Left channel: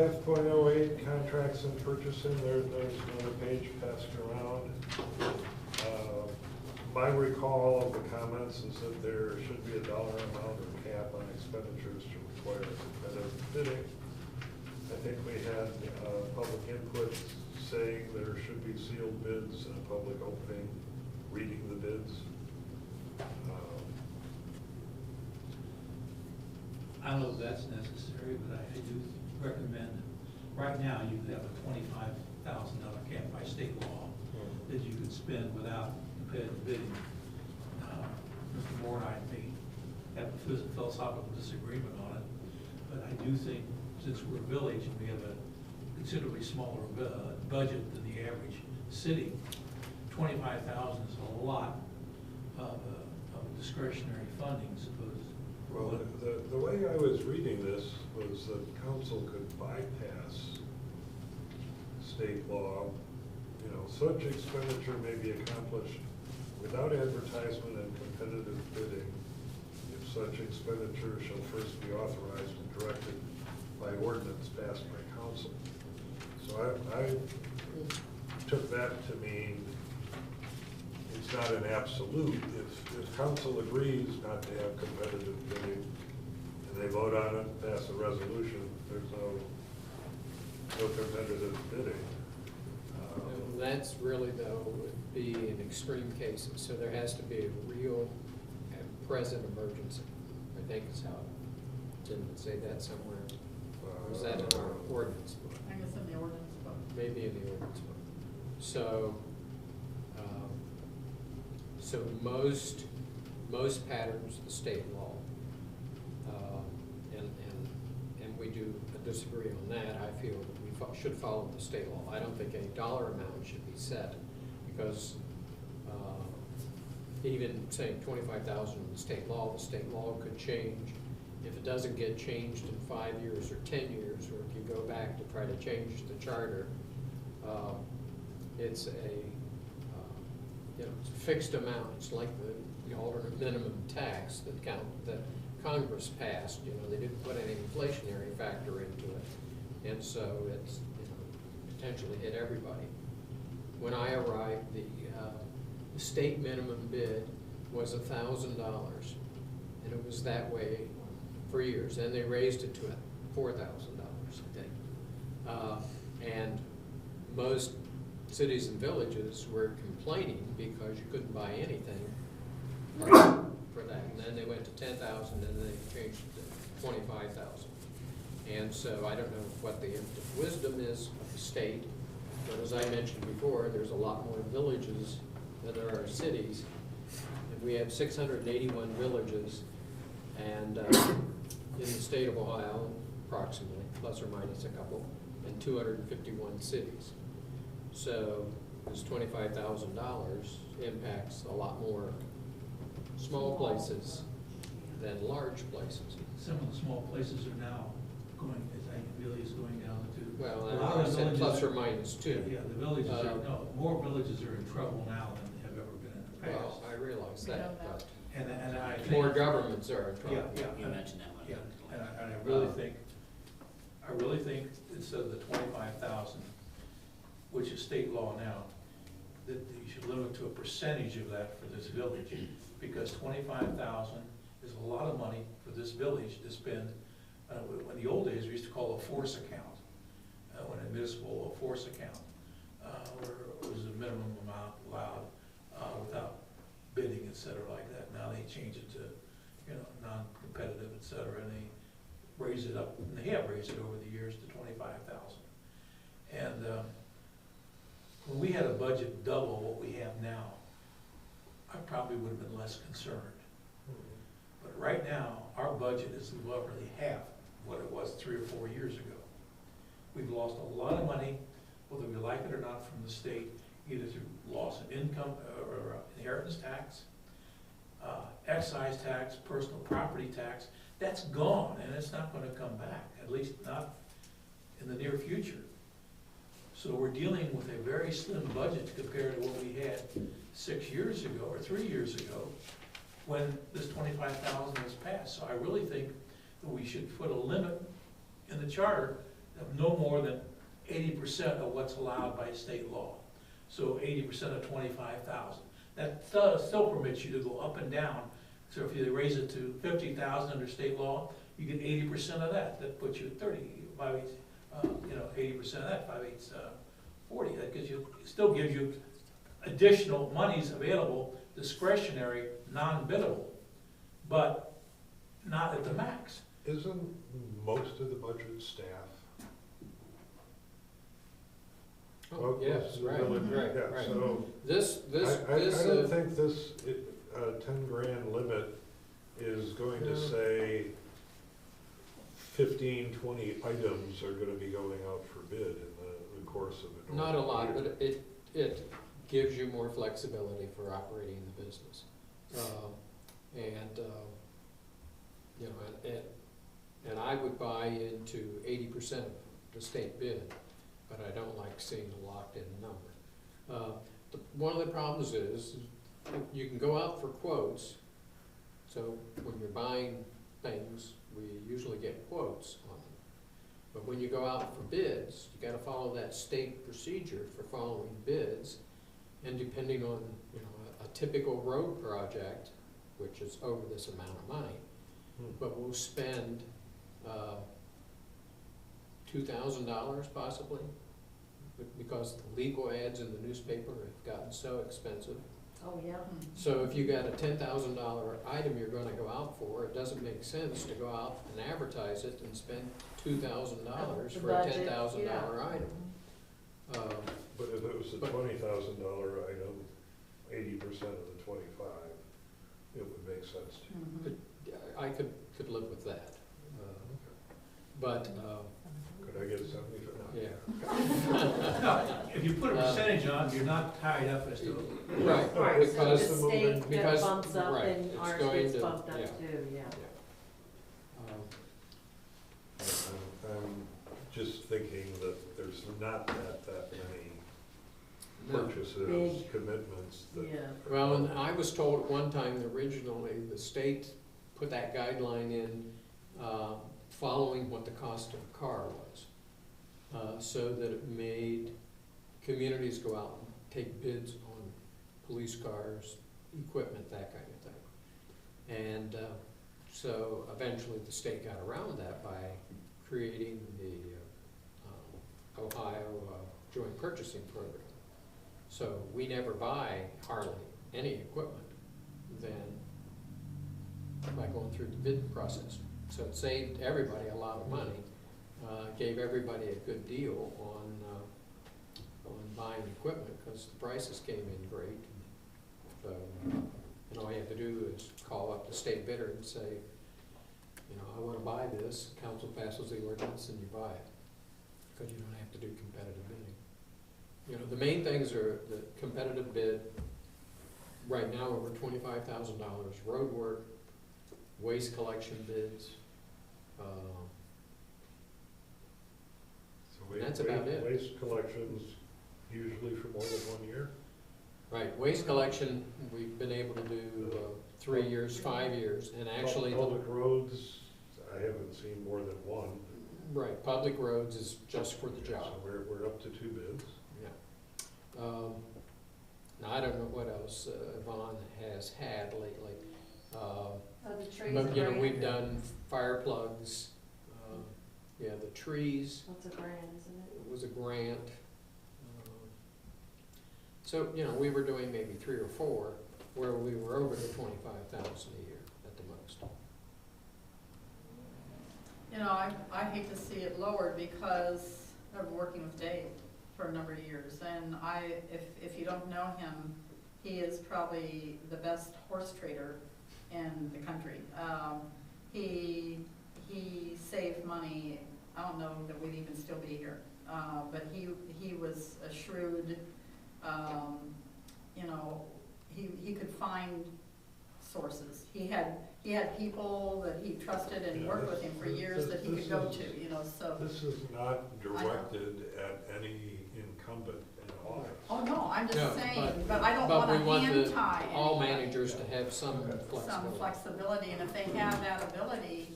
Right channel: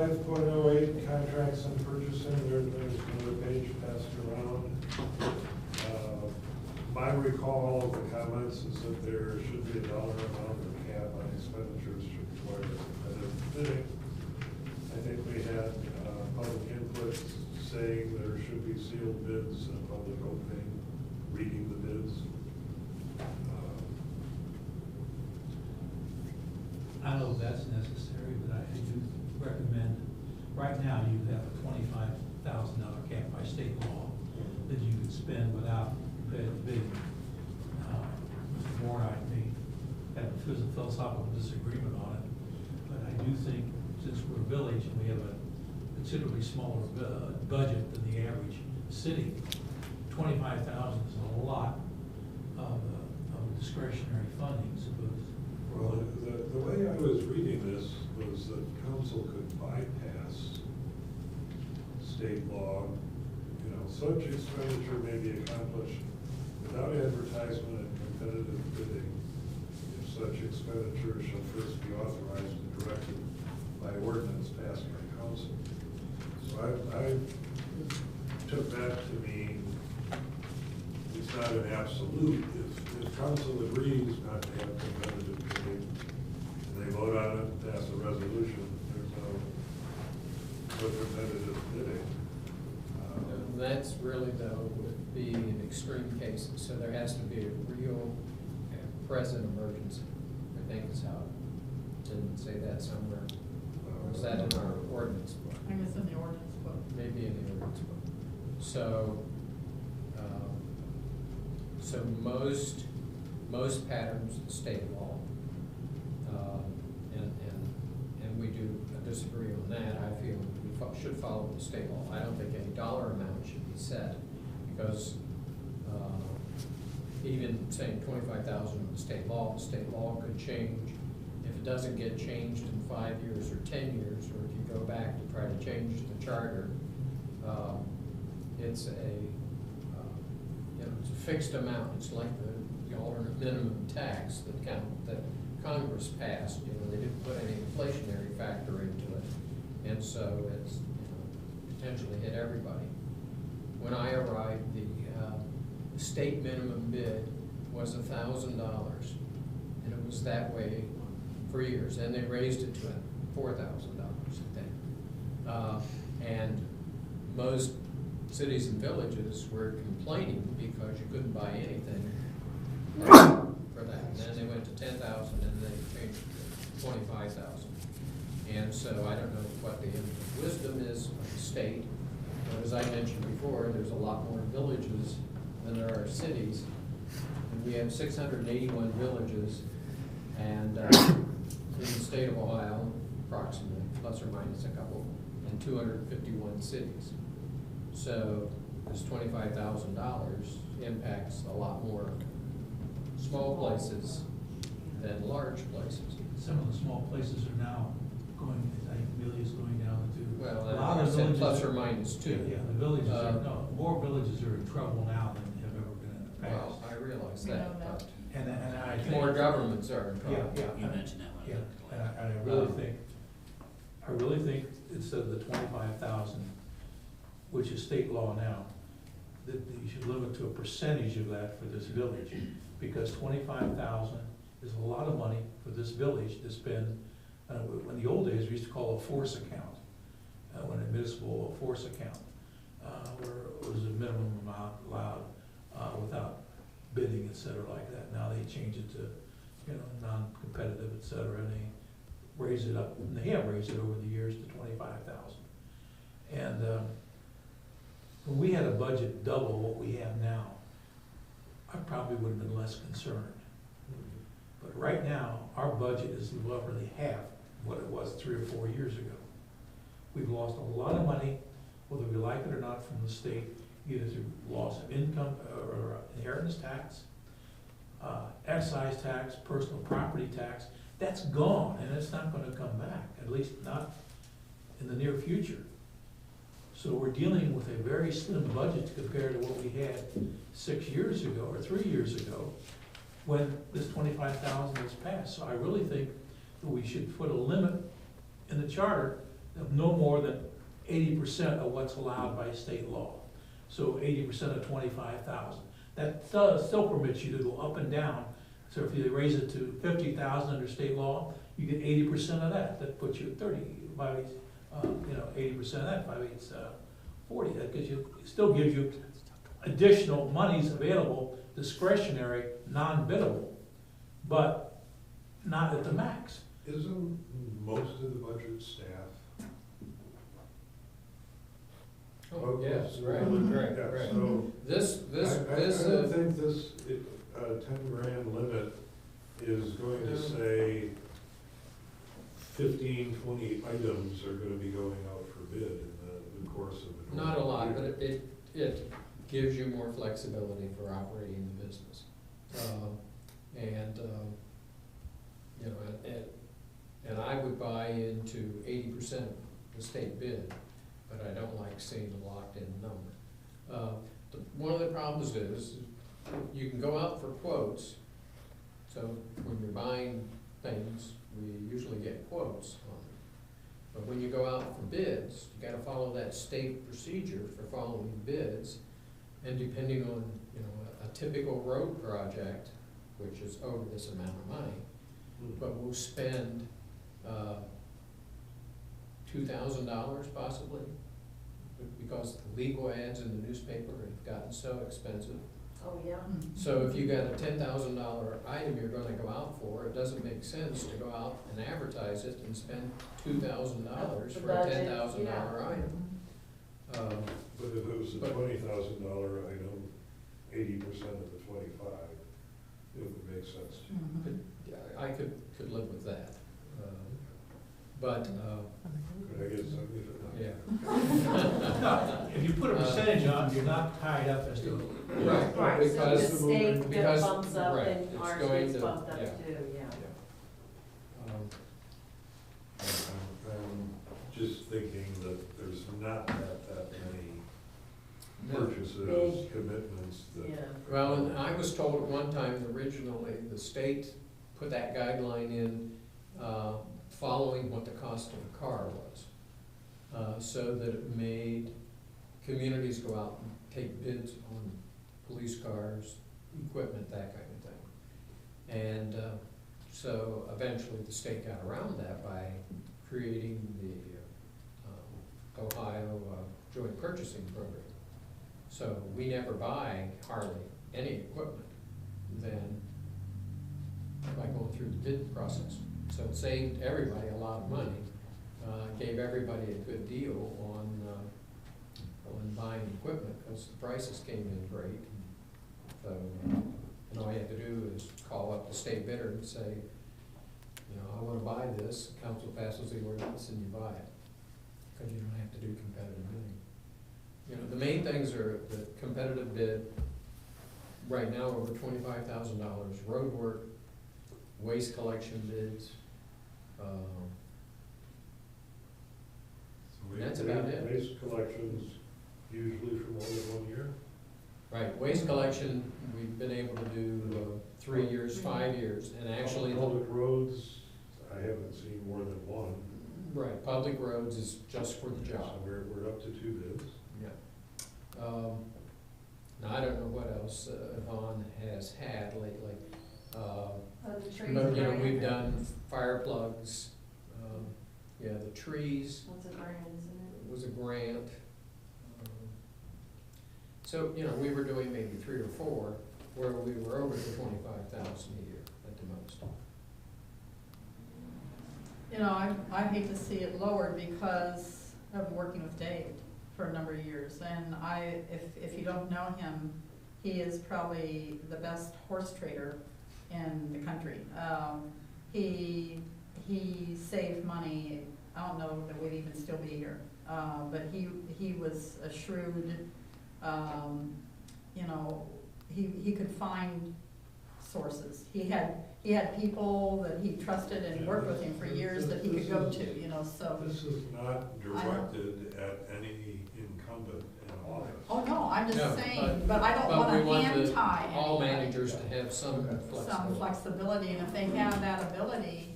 5.08, contracts and purchasing, there's another page passed around. My recall of the comments is that there should be a dollar amount or cap on expenditures to require competitive bidding. I think we had public input saying there should be sealed bids and a public opening, reading the bids. I don't know if that's necessary, but I do recommend, right now, you have a $25,000 cap by state law that you could spend without competitive bidding. Mr. Moore and I may have a philosophical disagreement on it, but I do think since we're a village and we have a considerably smaller budget than the average city, $25,000 is a lot of discretionary funding, suppose. Well, the way I was reading this was that council could bypass state law. You know, such expenditure may be accomplished without advertisement and competitive bidding if such expenditure shall first be authorized and directed by ordinance passed by council. So I took that to mean it's not an absolute. If council agrees not to have competitive bidding and they vote on it and pass a resolution, there's no competitive bidding. That's really, though, would be in extreme cases. So there has to be a real and present emergency, I think is how it didn't say that somewhere. Or was that in our ordinance book? I think it's in the ordinance book. Maybe in the ordinance book. So, so most patterns of state law, and we do disagree on that. I feel that we should follow the state law. I don't think any dollar amount should be set because even saying 25,000 in the state law could change. If it doesn't get changed in 5 years or 10 years, or if you go back to try to change the charter, it's it's a fixed amount. It's like the alternate minimum tax that Congress passed. They didn't put any inflationary factor into it, and so it's potentially hit everybody. When I arrived, the state minimum bid was $1,000, and it was that way for years. And they raised it to $4,000, I think. And most cities and villages were complaining because you couldn't buy anything for that. And then they went to 10,000, and then they changed it to 25,000. And so I don't know what the wisdom is of the state, but as I mentioned before, there's a lot more villages than there are cities. And we have 681 villages, and in the state of Ohio, approximately, plus or minus a couple, and 251 cities. So this $25,000 impacts a lot more small places than large places. Some of the small places are now going, I think Billy is going down to. Well, a lot of I said villages plus are- or minus two. Yeah, the villages are, no, more villages are in trouble now than they have ever been in the past. Well, I realize We that, don't know. but And I think. more governments are in trouble. Yeah. You mentioned that one. Yeah, and I really think instead of the 25,000, which is state law now, that you should limit to a percentage of that for this village, because 25,000 is a lot of money for this village to spend. In the old days, we used to call a force account, when a municipal force account, where it was a minimum amount allowed without bidding, et cetera, like that. Now they change it to, non-competitive, et cetera, and they raise it up, and they have raised it over the years to 25,000. And when we had a budget double what we have now, I probably would have been less concerned. But right now, our budget is literally half what it was 3 or 4 years ago. We've lost a lot of money, whether we like it or not, from the state, either through loss of income or inheritance tax, excise tax, personal property tax. That's gone, and it's not going to come back, at least not in the near future. So we're dealing with a very slim budget compared to what we had 6 years ago or 3 years ago when this 25,000 was passed. So I really think that we should put a limit in the charter no more than 80% of what's allowed by state law. So 80% of 25,000. That still permits you to go up and down. So if you raise it to 50,000 under state law, you get 80% of that. That puts you at 30, 80% of that, 5 8 40. That gives you, still gives you additional monies available, discretionary, non-biddable, but not at the max. Isn't most of the budget staff? Oh, yes, right, right, Yeah, right. so This, I don't think this 10 grand limit is going to Yeah. say 15, 20 items are gonna be going out for bid in the course of it. not a lot, but it gives you more flexibility for operating the business. And I would buy into 80% of the state bid, but I don't like seeing a locked-in number. One of the problems is you can go out for quotes. So when you're buying things, we usually get quotes on them. But when you go out for bids, you gotta follow that state procedure for following bids. And depending on, a typical road project, which is over this amount of money, but we'll spend $2,000 possibly, because the legal ads in the newspaper have gotten so expensive. Oh, yeah. So if you got a $10,000 item you're gonna go out for, it doesn't make sense to go out and advertise it and spend $2,000 The for a budget, $10,000 item. But if it was a But- $20,000 item, 80% of the 25, it would make sense to. Mhm. I could live with that. But, Could I get 75? yeah. No, if you put a percentage on, you're not tied up as to. Right, Right, so the because, state because- bumps up right, and it's ours going gets to- bumped up yeah. too, yeah. I'm just thinking that there's not that many No. purchases, Big. commitments that. Yeah. Well, and I was told at one time that originally the state put that guideline in, following what the cost of a car was. So that it made communities go out and take bids on police cars, equipment, that kind of thing. And, so eventually the state got around that by creating the, Ohio Joint Purchasing Program. So we never buy hardly any equipment then by going through the bid process. So it saved everybody a lot of money, gave everybody a good deal on buying equipment, because the prices came in great. So, and all you have to do is call up the state bidder and say, I wanna buy this, council passes the ordinance and you buy it, because you don't have to do competitive bidding. The main things are the competitive bid, right now over $25,000, road work, waste collection bids, So That's about it. Waste collections usually for more than 1 year? right, waste collection, we've been able to do 3 years, 5 years, and actually, Public roads, I haven't seen more than one. right, public roads is just for the job. So we're up to 2 bids. Yeah. Now, I don't know what else Yvonne has had lately. The trees. But, we've done fire plugs, the trees That's a grant, isn't it? was a grant. So, we were doing maybe 3 or 4, where we were over the 25,000 a year at the most. I hate to see it lowered because of working with Dave for a number of years. And if you don't know him, he is probably the best horse trader in the country. He saved money. I don't know that we'd even still be here. But he was a shrewd, he could find sources. He had people that he trusted and Yeah, worked with him for years that he could go to, so. This is not directed at any incumbent in office. Oh, no, I'm No, just saying, but I don't but we wanna want hand tie all anybody. managers to have some flexibility. Some flexibility, and if they have that ability,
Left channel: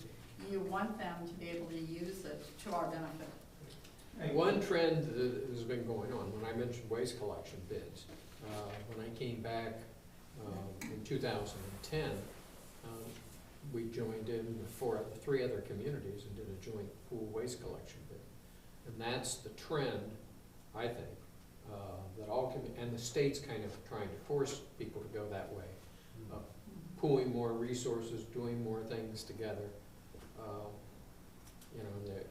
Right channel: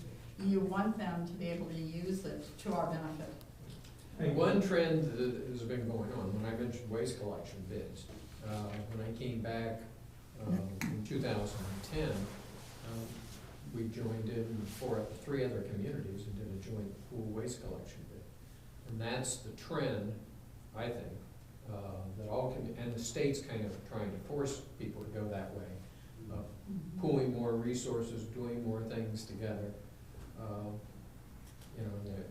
you want them to be able to use it to our benefit. Hey, One trend that has been going on, when I mentioned waste collection bids, when I came back in 2010, we joined in with three other communities and did a joint pool waste collection bid. And that's the trend, I think, that and the state's kind of trying to force people to go that way. Pooling more resources, doing more things together. You know, they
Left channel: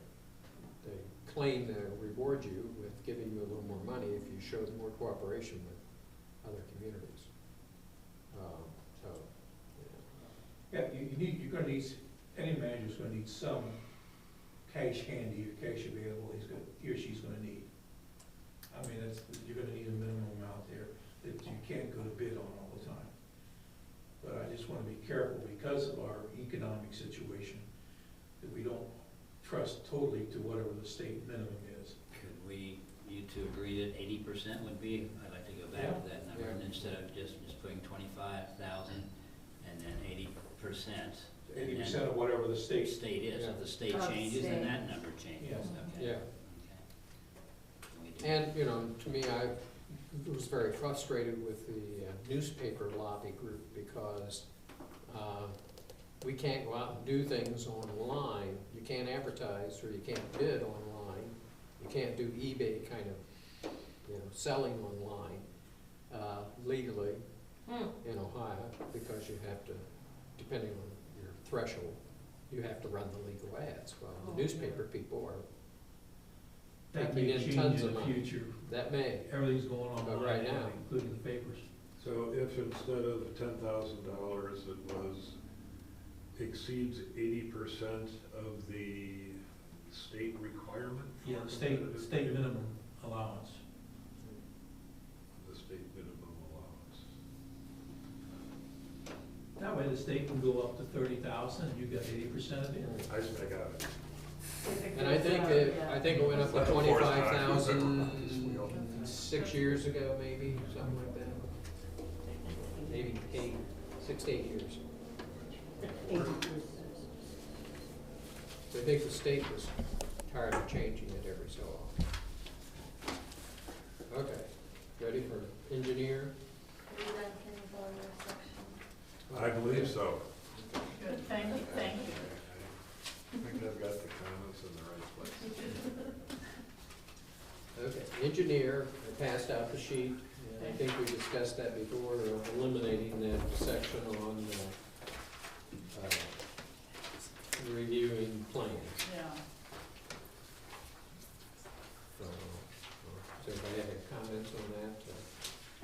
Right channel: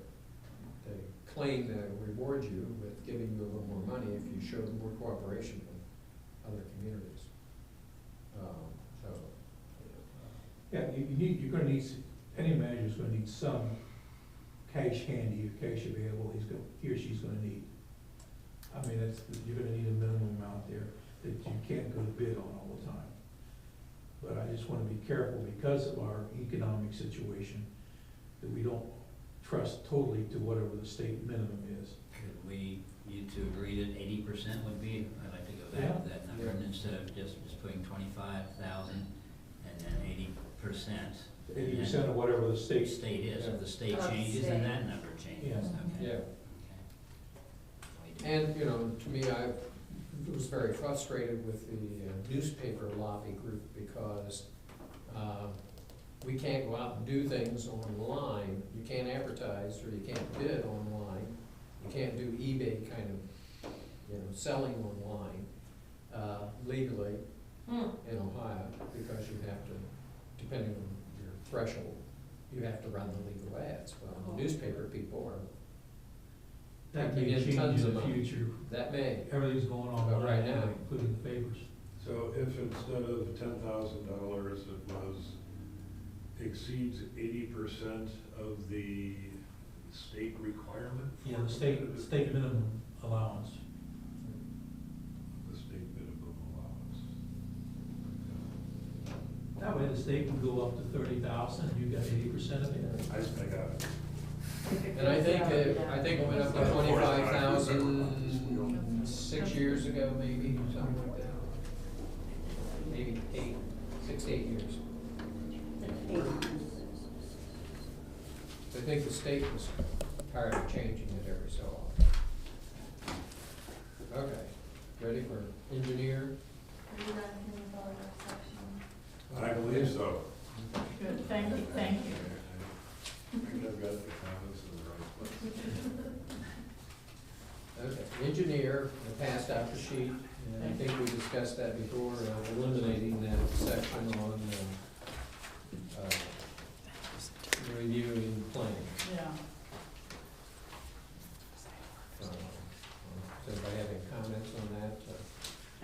claim to reward you with giving you a little more money if you showed more cooperation with other communities. So, Yeah, you're gonna need, any manager's gonna need some cash handy, cash available, he or she's gonna need. I mean, you're gonna need a minimum amount there that you can't go to bid on all the time. But I just wanna be careful because of our economic situation, that we don't trust totally to whatever the state minimum is. Could you two agree that 80% would be, I'd like to go back to that number, and instead of just putting 25,000 and then 80%. 80% of whatever the state. State is, Yeah. if the state Of the changes, then state. that number changes, Yeah. okay. yeah. Okay. And, you know, to me, I was very frustrated with the newspaper lobby group because we can't go out and do things online. You can't advertise or you can't bid online. You can't do eBay kind of, you know, selling online legally in Ohio because you have to, depending on your threshold, you have to run the legal ads. Well, the newspaper people are, That taking may in change tons in of the money. future. that may. Everything's going on But right now. including the papers. So if instead of $10,000, it exceeds 80% of the state requirement? Yeah, for the state competitive bid? minimum allowance. The state minimum allowance. That way the state can go up to 30,000 and you got 80% of it. I got it. And I think it went up to That's the fourth time we've ever done this. 25,000 6 years ago, maybe, something like that. Maybe 6 to 8 years. I think the state was tired of changing it every so often. Okay, ready for engineer? Are you done, Ken, with all your section? I believe so. Good, thank you, thank you. I think I've got the comments in the right place. Okay, engineer, I passed out the sheet, and I think we discussed that before, eliminating that section on reviewing plans. Yeah. Does anybody have any comments on that?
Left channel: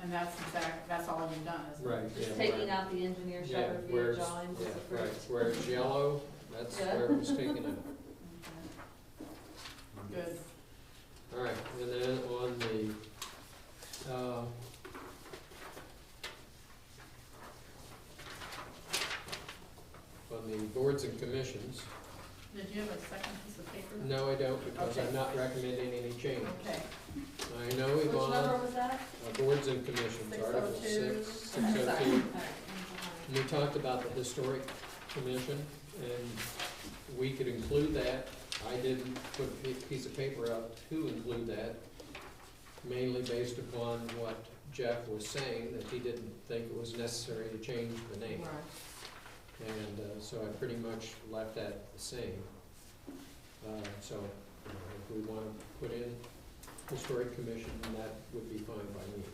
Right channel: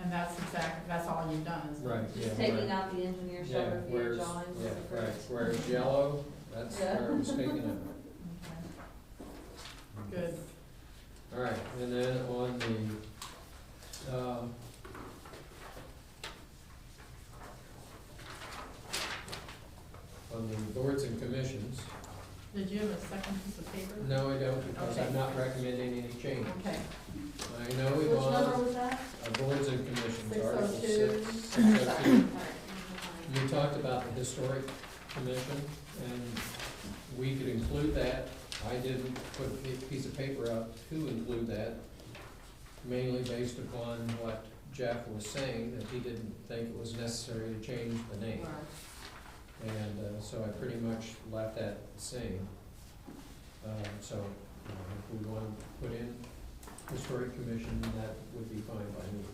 And that's all you've done, isn't it? Right, yeah. Just taking out the engineer Yeah, shall review where's, drawings yeah, as right, approved. where it's yellow, that's Yeah. where it was taken out. Okay. Good. All right, and then on the boards and commissions, Did you have a second piece of paper? no, I don't, because I'm Okay. not recommending any change. Okay. I know Which number Yvonne, was that? boards and commissions, Article 602. 602. All right, We talked about the historic commission, and we could include that. I didn't put a piece of paper up to include that, mainly based upon what Jeff was saying, that he didn't think it was necessary to change the name. Right. And so I pretty much left that the same. So if we want to put in historic commission, then that would be fine by me.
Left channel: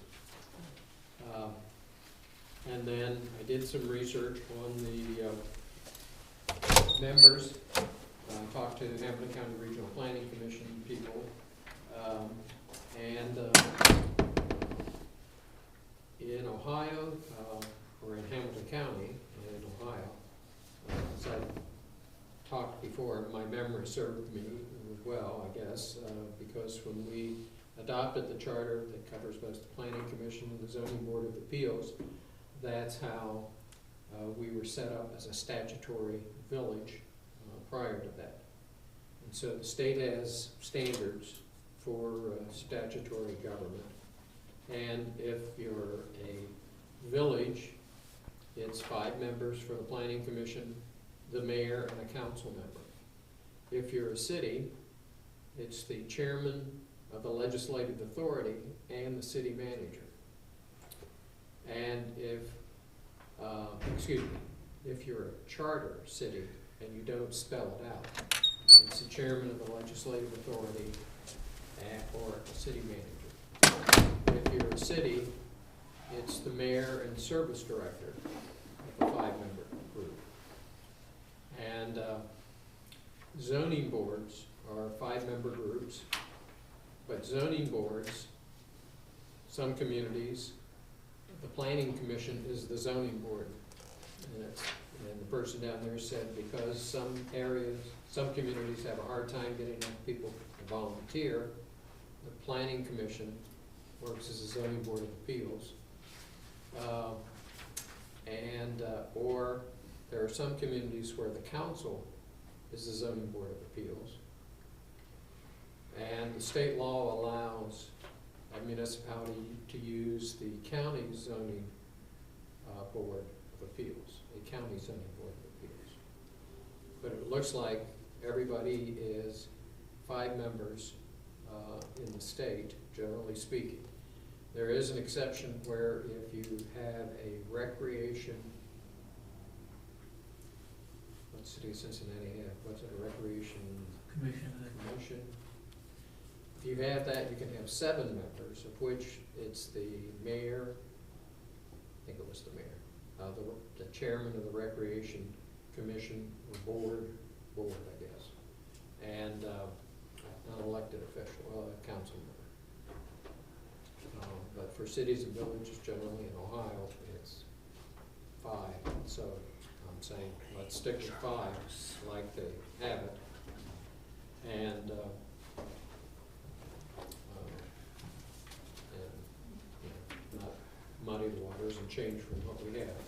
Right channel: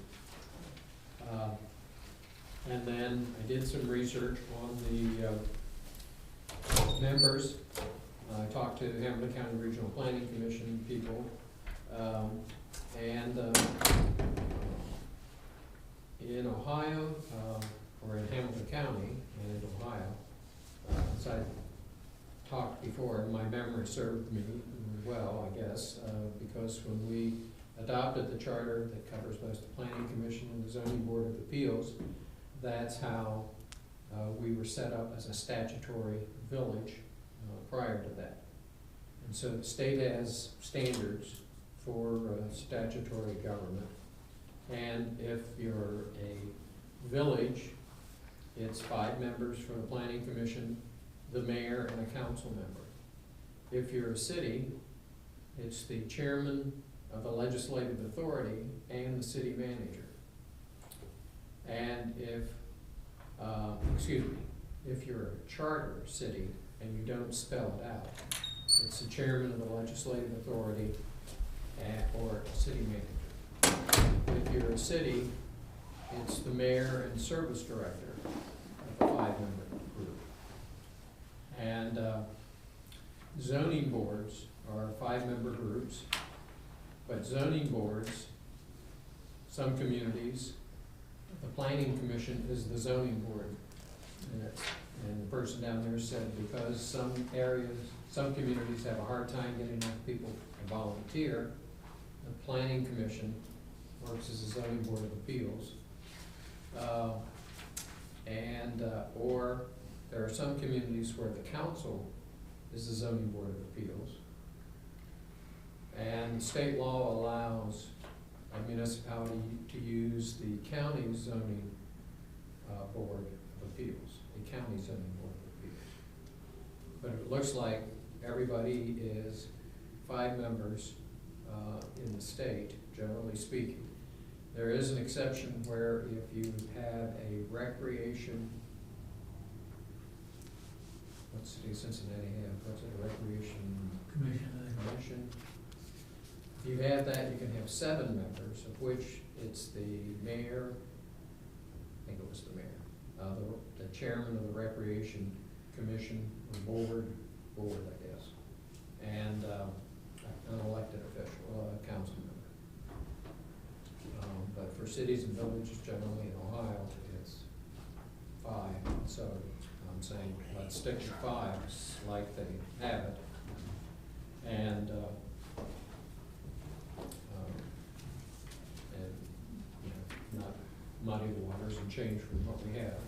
And then I did some research on the members. I talked to Hamilton County Regional Planning Commission people. And in Ohio, or in Hamilton County and in Ohio, as I talked before, my memory served me well, I guess, because when we adopted the charter that covers both the Planning Commission and the Zoning Board of Appeals, that's how we were set up as a statutory village prior to that. And so the state has standards for statutory government. And if you're a village, it's 5 members for the Planning Commission, the mayor, and a council member. If you're a city, It's the chairman of the legislative authority and the city manager. And if you're a charter city and you don't spell it out, it's the chairman of the legislative authority or city manager. If you're a city, it's the mayor and service director of a 5-member group. And zoning boards are 5-member groups, but zoning boards, some communities, the planning commission is the zoning board. And the person down there said because some areas, some communities have a hard time getting enough people to volunteer, the planning commission works as a zoning board of appeals. Or there are some communities where the council is the zoning board of appeals. And the state law allows a municipality to use the county zoning board of appeals, a county zoning board of appeals. But it looks like everybody is 5 members in the state, generally speaking. There is an exception where if you have a recreation, what city of Cincinnati have, what's it, a recreation commission? If you have that, you can have 7 members, of which it's the mayor, I think it was the mayor, the chairman of the recreation commission, or board, I guess, and an elected official, a council member. But for cities and villages generally in Ohio, it's 5, so I'm saying let's stick to 5 like they have it. And not muddy the waters and change from what we have.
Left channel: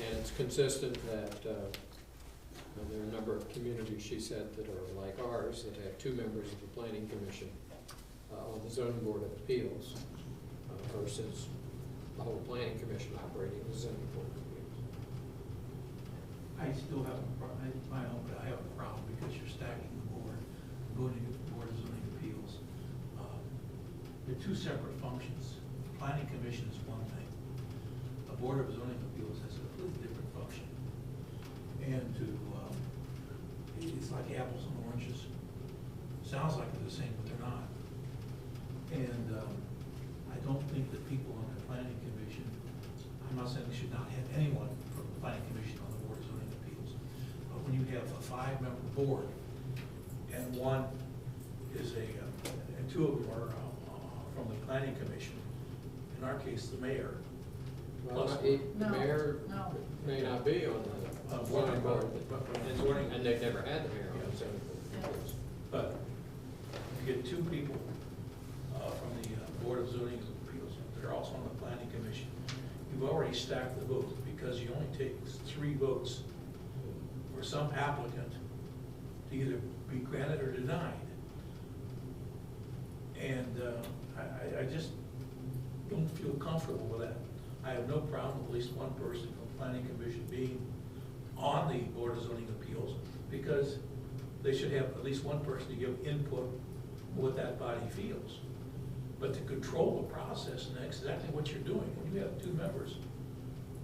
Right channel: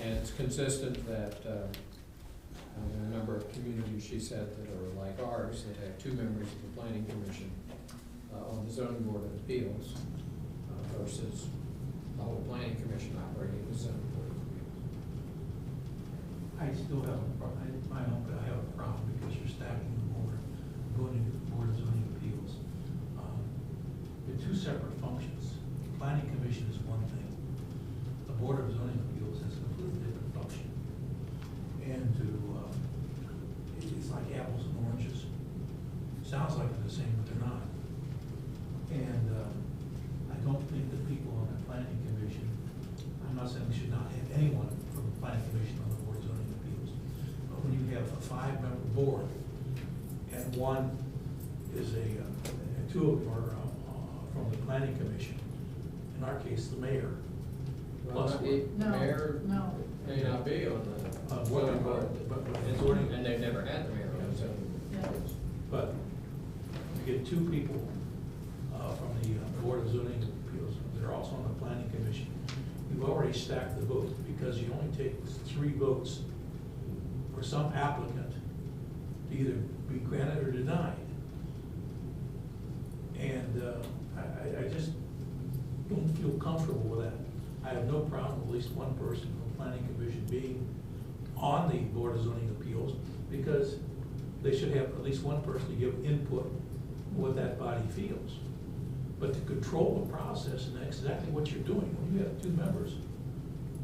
And it's consistent that there are a number of communities, she said, that are like ours, that have 2 members of the planning commission on the zoning board of appeals versus the whole planning commission operating as zoning board of appeals. I still have I have a problem because you're stacking the board, going into the board of zoning appeals. They're 2 separate functions. The planning commission is one thing. The board of zoning appeals has a completely different function. And it's like apples and oranges. Sounds like they're the same, but they're not. And I don't think that people on the planning commission, I'm not saying we should not have anyone from the planning commission on the board of zoning appeals, but when you have a 5-member board, and one is and 2 of them are from the planning commission, in our case, the mayor. Well, Plus the No, mayor no. may not be on the zoning board, and they've never had the mayor on the zoning Yeah. board. But you get 2 people from the board of zoning appeals that are also on the planning commission. You've already stacked the votes because you only take 3 votes for some applicant to either be granted or denied. And I just don't feel comfortable with that. I have no problem with at least one person from the planning commission being on the board of zoning appeals, because they should have at least one person to give input what that body feels. But to control the process, and that's exactly what you're doing. When you have 2 members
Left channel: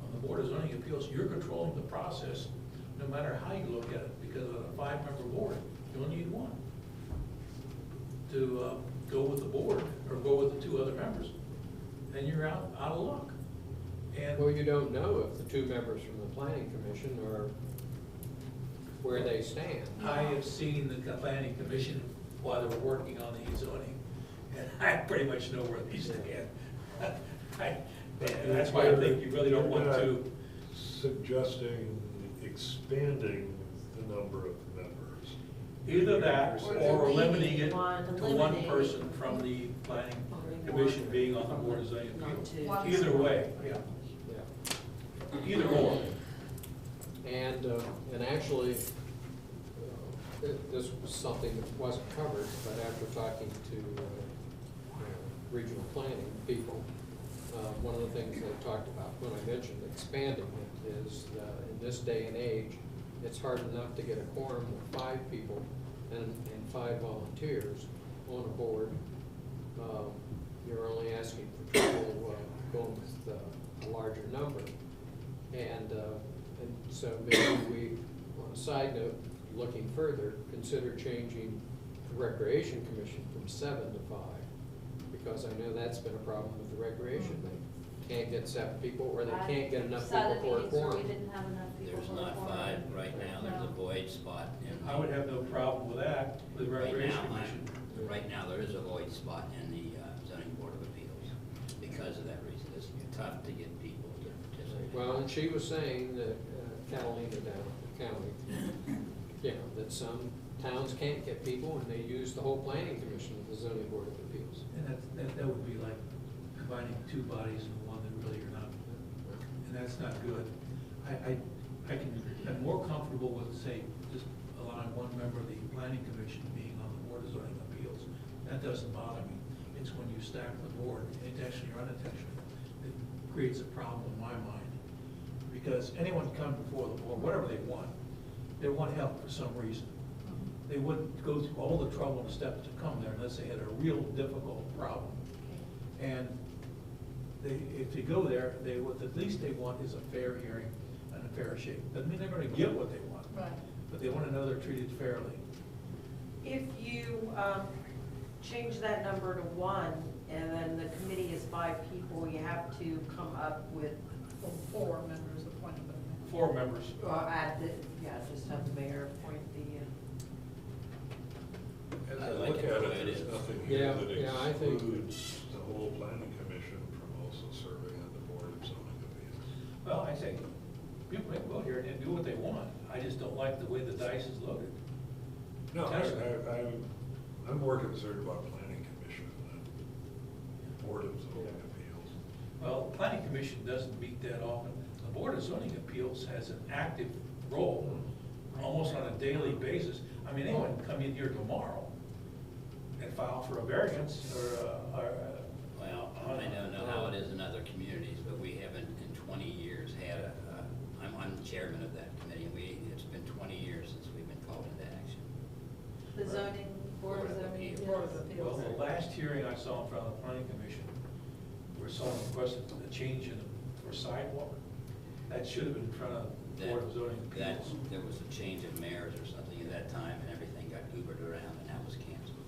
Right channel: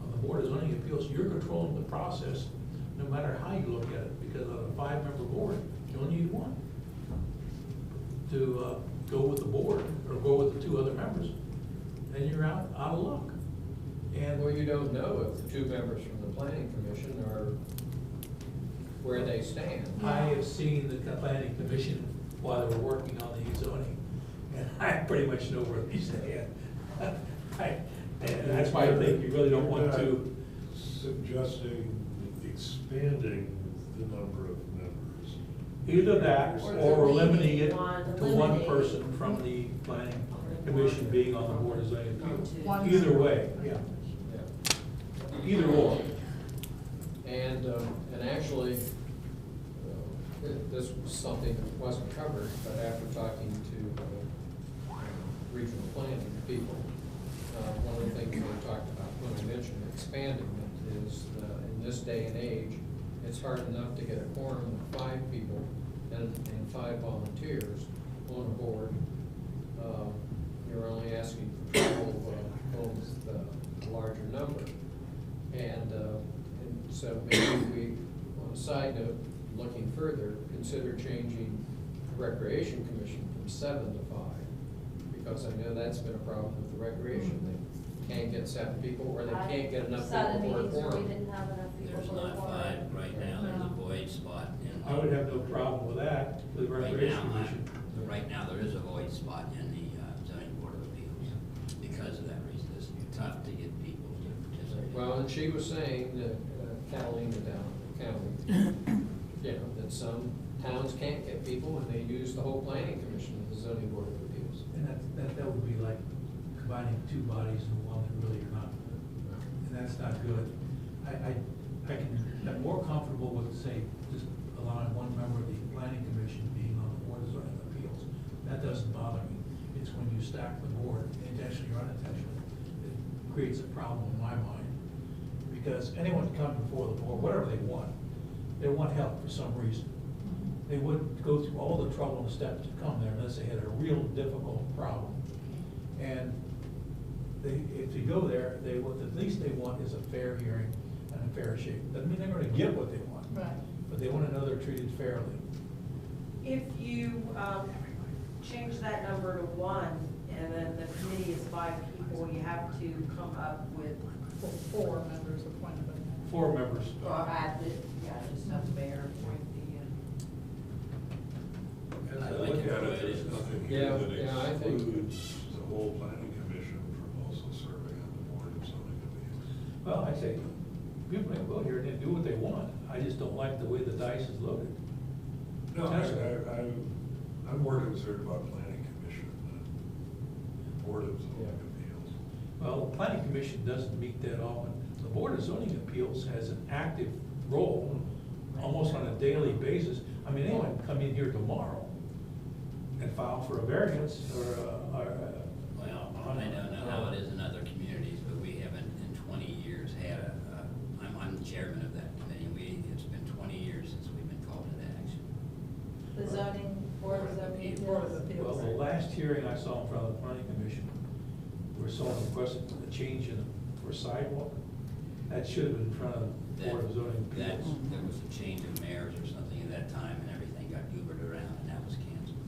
on the board of zoning appeals, you're controlling the process no matter how you look at it, because on a 5-member board, you only need 1 to go with the board or go with the 2 other members, and you're out of luck. And Well, you don't know if the 2 members from the planning commission are where they stand. I have seen the planning commission while they were working on the zoning, and I pretty much know where they stand. And that's why I think you really don't want to. Suggesting expanding the number of members. Either that, or limiting it to one eliminate person from the planning commission being on the board of zoning appeals. One. Either way, yeah, Yeah. either or. And actually, this was something that wasn't covered, but after talking to regional planning people, one of the things they talked about when I mentioned expanding it is in this day and age, it's hard enough to get a quorum of 5 people and 5 volunteers on a board, you're only asking for trouble going with a larger number. And so maybe we, on a side note, looking further, consider changing the Recreation Commission from 7 to 5. Because I know that's been a problem with the recreation. They can't get 7 people, or they can't get enough people Sat in for a meetings where we quorum. didn't have enough people There's for a not quorum. 5 right now, there's a void spot in. I would have no problem with that, with the Right Recreation now, Commission. Right now, there is a void spot in the zoning board of appeals because of that reason. It's tough to get people to participate. Well, and she was saying that Catalina down in the county, you know, that some towns can't get people and they use the whole planning commission of the zoning board of appeals. And that would be like combining 2 bodies into one that really are not, and that's not good. I'm more comfortable with, say, just allowing 1 member of the planning commission being on the board of zoning appeals. That doesn't bother me. It's when you stack the board, intentionally or unintentionally, it creates a problem in my mind. Because anyone can come before the board, whatever they want help for some reason. They wouldn't go through all the trouble and steps to come there unless they had a real difficult problem. And if you go there, what the least they want is a fair hearing and a fair shake. Doesn't mean they're gonna get what they want. Right. But they want to know they're treated fairly. If you change that number to 1, and then the committee is 5 people, you have to come up with, 4 members appointed by the mayor. 4 members. or add the, just have the mayor appoint As I I like look it at the way it, it there's is. nothing Yeah, here yeah, I that think- excludes the whole planning commission from also serving on the board of zoning appeals. Well, I say, people can go here and do what they want. I just don't like the way the dice is loaded. No, Potentially. I'm more concerned about planning commission than board of zoning Yeah. appeals. Well, the planning commission doesn't meet that often. The board of zoning appeals has an active role, almost on a daily basis. I mean, anyone can come in here tomorrow and file for a variance or Well, I don't know how it is in other communities, but we haven't in 20 years had I'm the chairman of that committee, and it's been 20 years since we've been called into action. The zoning, board of zoning appeals. Board of well, appeals. the last hearing I saw in front of the planning commission, where someone requested a change for sidewalk, that should have been in front of the board of zoning That, appeals. there was a change of mayors or something at that time, and everything got goobered around, and that was canceled.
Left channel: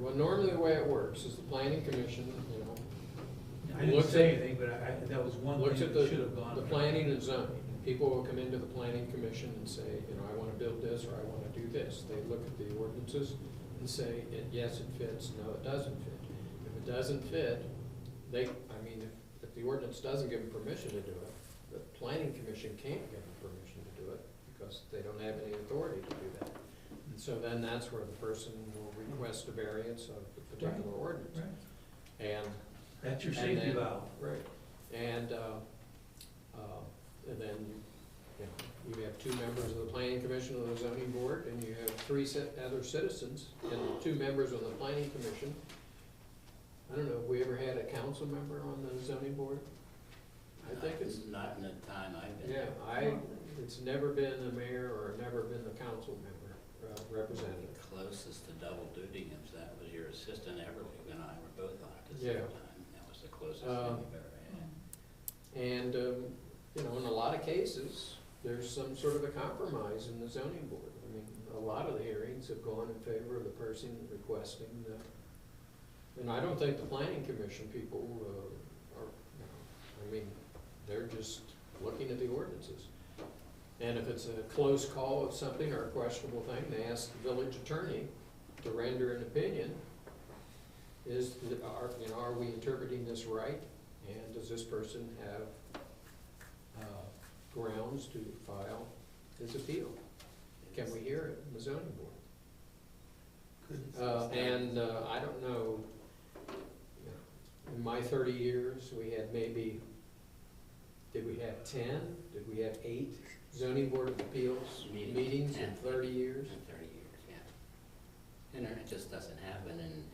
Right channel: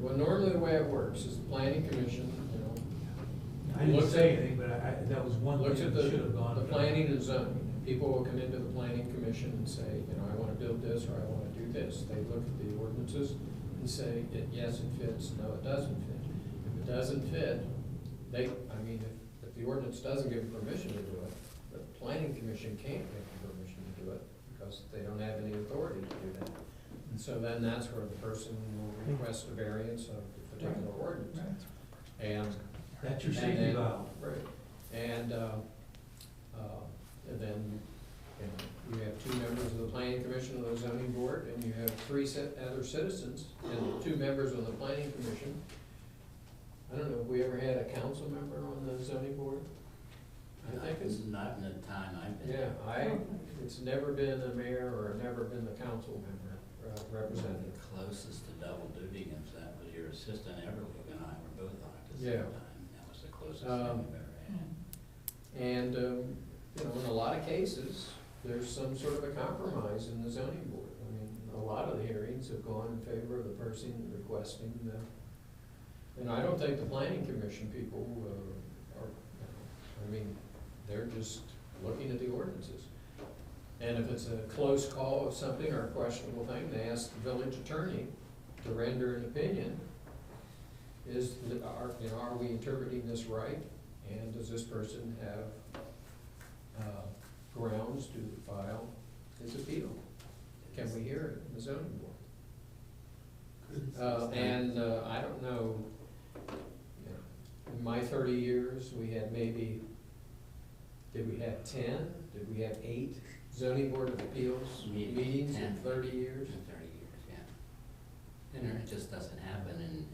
Well, normally the way it works is the planning commission, you know, I didn't looks say at- anything, but that was one looks thing at that should have gone. the planning and zoning. People will come into the planning commission and say, you know, I wanna build this, or I wanna do this. They look at the ordinances and say, yes, it fits, no, it doesn't fit. If it doesn't fit, if the ordinance doesn't give them permission to do it, the planning commission can't give them permission to do it, because they don't have any authority to do that. And so then that's where the person will request a variance of the particular ordinance. Right. And That's your and safety then- valve. Right, and then, you know, you have 2 members of the planning commission of the zoning board, and you have 3 other citizens, and 2 members on the planning commission. I don't know, have we ever had a council member on the zoning board? I think it's, Not in the time I've been. yeah, it's never been a mayor or never been the council member, representative. The closest to double duty is that was your assistant Everly, and I were both on it at the same Yeah. time. That was the closest thing we've ever had. And, you know, in a lot of cases, there's some sort of a compromise in the zoning board. I mean, a lot of the hearings have gone in favor of the person requesting the, and I don't think the planning commission people are, you know, I mean, they're just looking at the ordinances. And if it's a close call of something or a questionable thing, they ask the village attorney to render an opinion. Are we interpreting this right? And does this person have grounds to file his appeal? Can we hear it in the zoning board? I don't know, you know, in my 30 years, we had maybe, did we have 10? Did we have 8 zoning board of appeals meetings in 30 years? In 30 years, yeah. And it just doesn't happen, and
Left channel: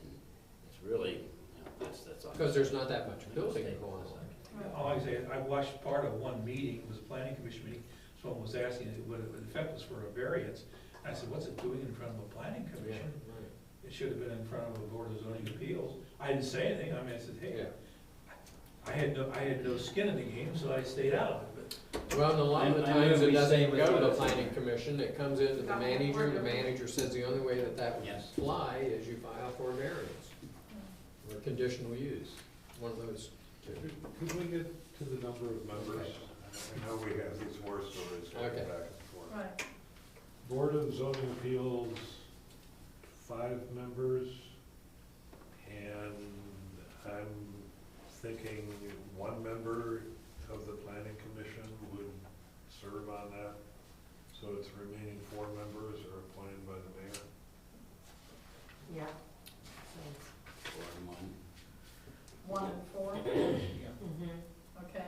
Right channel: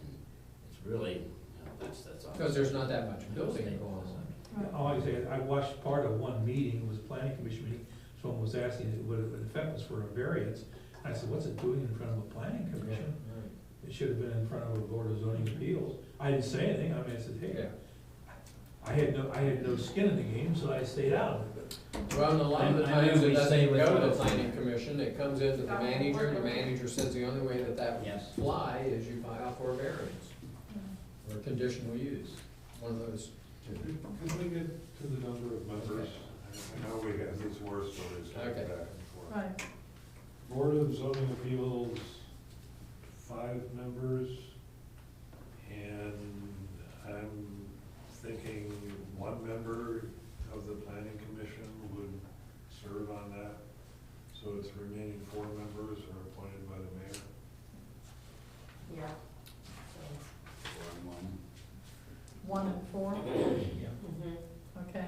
it's really, you know, that's all. Because there's not that much building going on. All I say, I watched part of one meeting, it was a planning commission meeting, someone was asking what the effect was for a variance, I said, what's it doing in front of a planning commission? Right. It should have been in front of a board of zoning appeals. I didn't say anything, I mean, I said, hey, Yeah. I had no skin in the game, so I stayed out of it, Well, and a lot of the I knew times it we doesn't stayed go with to the what- planning commission, it comes into the manager says the only way that that would Yes. fly is you file for a variance or conditional use, one of those two. Could we get to the number of members? I know we have these war stories going Okay. back and forth. Right. Board of Zoning Appeals, 5 members, and I'm thinking 1 member of the planning commission would serve on that. So it's remaining 4 members are appointed by the mayor. Yeah. 4 and 1. 1 and 4, yeah. okay.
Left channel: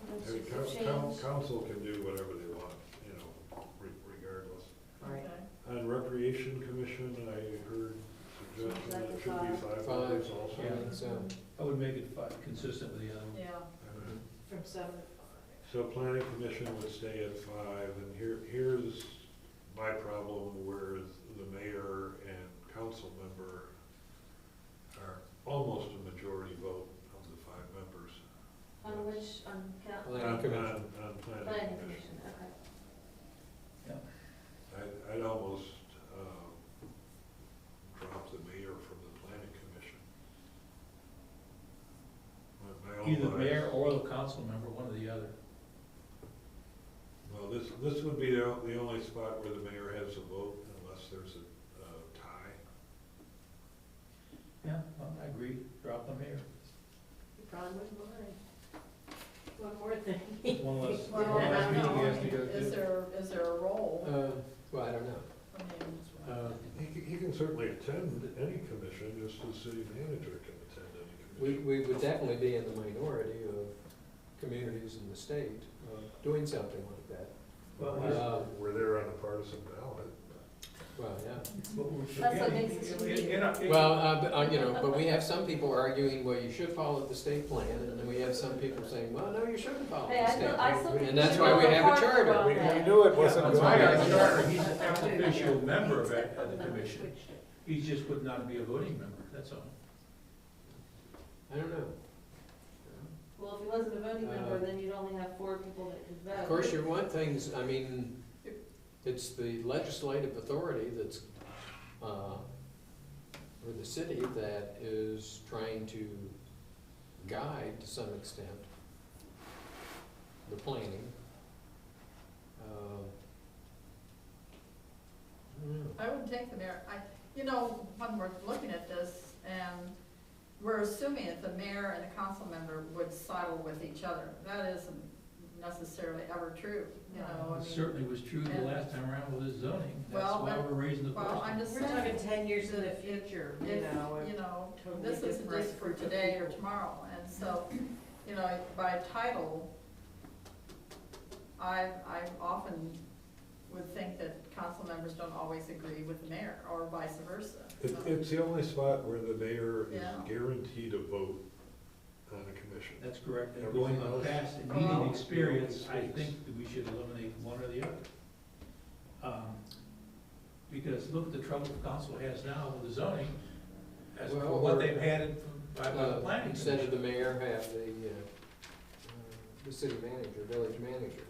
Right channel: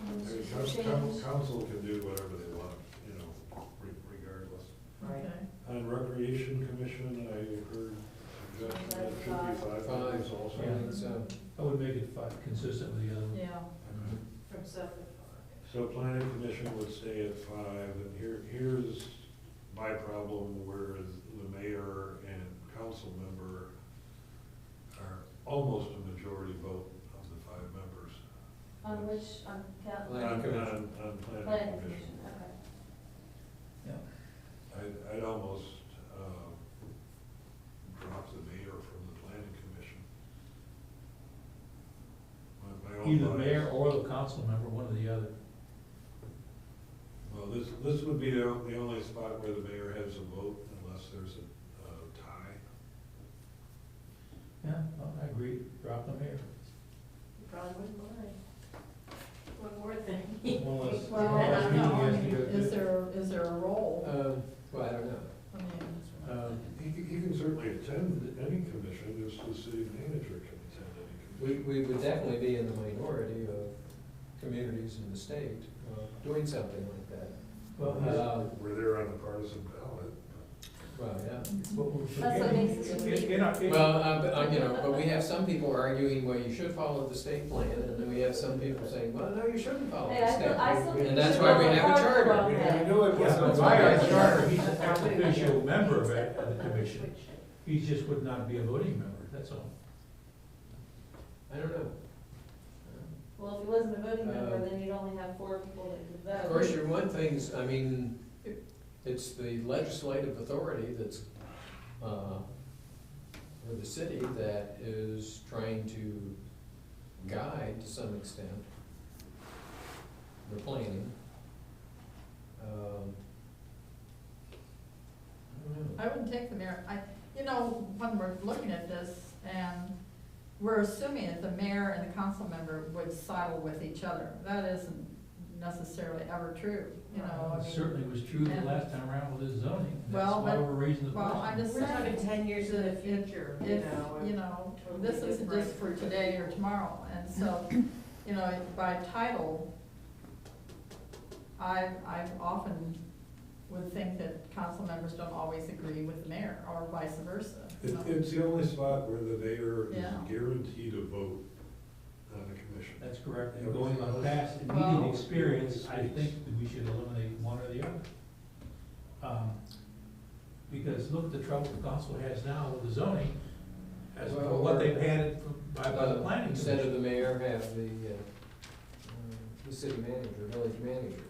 I mean, council can do whatever they want, you know, regardless. Right. Okay. On Recreation Commission, I heard suggestion that it should be 5 members also. Yeah, I think so. I would make it consistent with the other one. Yeah, From 7 to 5. So planning commission would stay at 5, and here's my problem, whereas the mayor and council member are almost a majority vote of the 5 members. On which, on Planning commission. On planning planning commission. commission, okay. I'd almost, drop the mayor from the planning commission. My own Either bias- mayor or the council member, one or the other. Well, this would be the only spot where the mayor has a vote unless there's a tie. Yeah, well, I agree, drop the mayor. You probably wouldn't mind. One more thing. One less, well, one I less don't meeting know, he I has to mean, go is to. there a role? Well, I don't know. I mean, He can certainly attend any commission, just as city manager can attend any commission. We would definitely be in the minority of communities in the state doing something like that. Well, We're there on a partisan ballot. Well, yeah. what we're That's what forgetting- makes us unique. Well, you know, but we have some people arguing, well, you should follow the state plan, and then we have some people saying, well, no, you shouldn't follow Hey, the state I plan. still think And we that's should why go we have a farther charter. on We that. knew it Yeah, wasn't but a by our charter. charter, he's an official member of the commission. He just would not be a voting member, that's all. I don't know. Well, if he wasn't a voting member, Uh, then you'd only have 4 people that could vote. Of course, your one thing's, I mean, it's the legislative authority that's, or the city that is trying to guide, to some extent, the planning. I don't know. I wouldn't take the mayor, you know, when we're looking at this, and we're assuming that the mayor and the council member would sidle with each other. That isn't necessarily ever true, you know, I It mean. certainly was true the and- last time around with his zoning. That's Well, why but- we're raising the well, I'm question. just We're talking saying. 10 years in the If- future, you If, know. you know, totally this isn't different just for group of today or people. tomorrow, and so, you know, by title, I often would think that council members don't always agree with the mayor, or vice versa. you know. It's the only spot where the mayor is Yeah. guaranteed a vote on a commission. That's correct, and going on past the Well- meeting experience, I think that we should eliminate one or the other. Because look at the trouble the council has now with the zoning, as for Well, what or- they've had it by the planning Instead of commission. the mayor, have the city manager, village manager.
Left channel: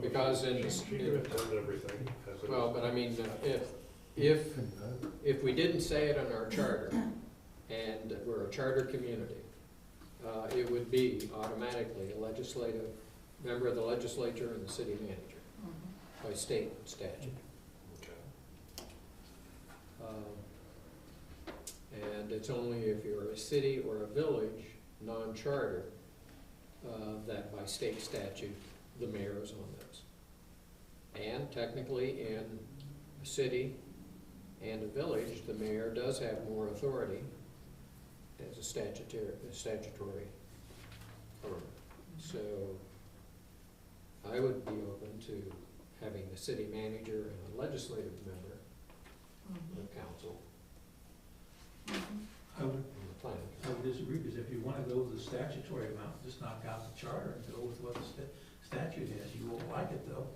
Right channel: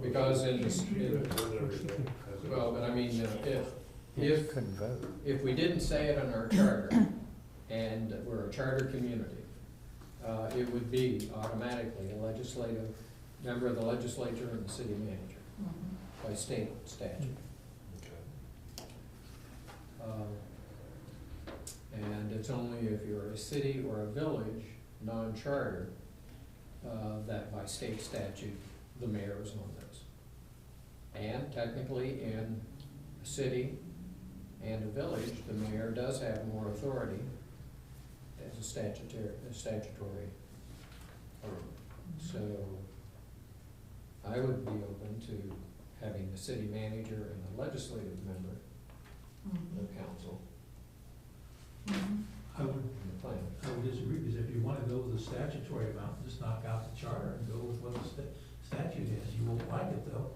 Because in the, She could attend everything. as it well, is. but I mean, if we didn't say it in our charter, and we're a charter community, it would be automatically a legislative, member of the legislature and the city manager Mhm. by state statute. Okay. And it's only if you're a city or a village, non-charter, that by state statute, the mayor is on those. And technically, in a city and a village, the mayor does have more authority as a statutory firm. So I would be open to having a city manager and a legislative member of the council Mhm. I would, and the planning. I would disagree, because if you wanna go with the statutory amount, just knock out the charter and go with what the statute has. You won't like it though.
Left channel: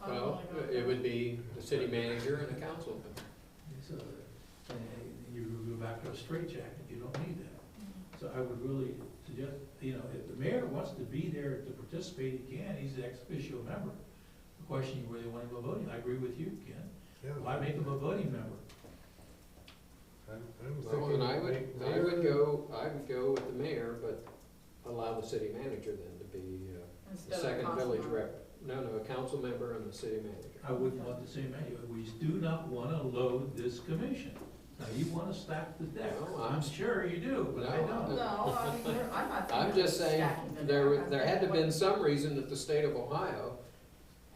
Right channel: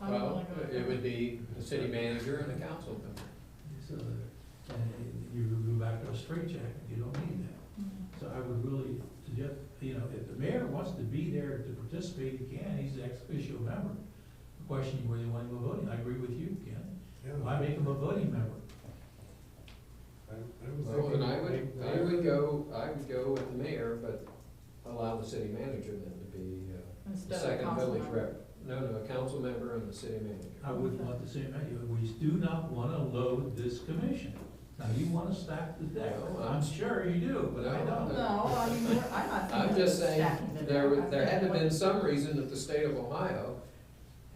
I'm Well, only going it for- would be the city manager and a council member. So, you go back to a straitjacket, you don't need that. Mhm. So I would really suggest, you know, if the mayor wants to be there to participate, he can, he's the ex officio member. The question is whether you want him a voting, I agree with you, Ken. Yeah, Why make him a voting member? I'm Well, thinking and I would mayor- go with the mayor, but allow the city manager then to be the Instead of a second council village member. rep. No, a council member and the city manager. I wouldn't want the same anyway, we do not wanna load this commission. Now, you wanna stack the deck, No, I'm sure you do, but I No, don't. No, I mean, I'm not. I'm just saying, stacking the there deck. there had to I'm been saying some reason that the state of Ohio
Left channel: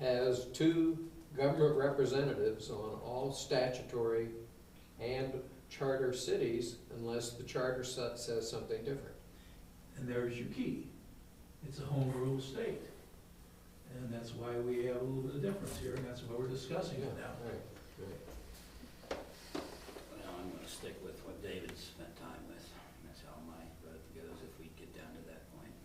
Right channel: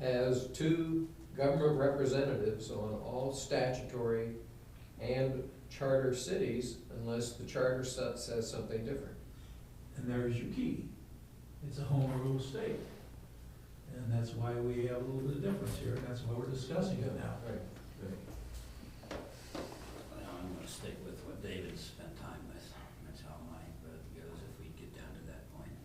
has 2 government representatives on all statutory and charter cities unless the charter says something different. And there's your key, it's a home rule state. And that's why we have a little bit of difference here, and that's why we're discussing it now. Right, right. Well, I'm gonna stick with what David spent time with. That's how my vote goes if we get down to that point.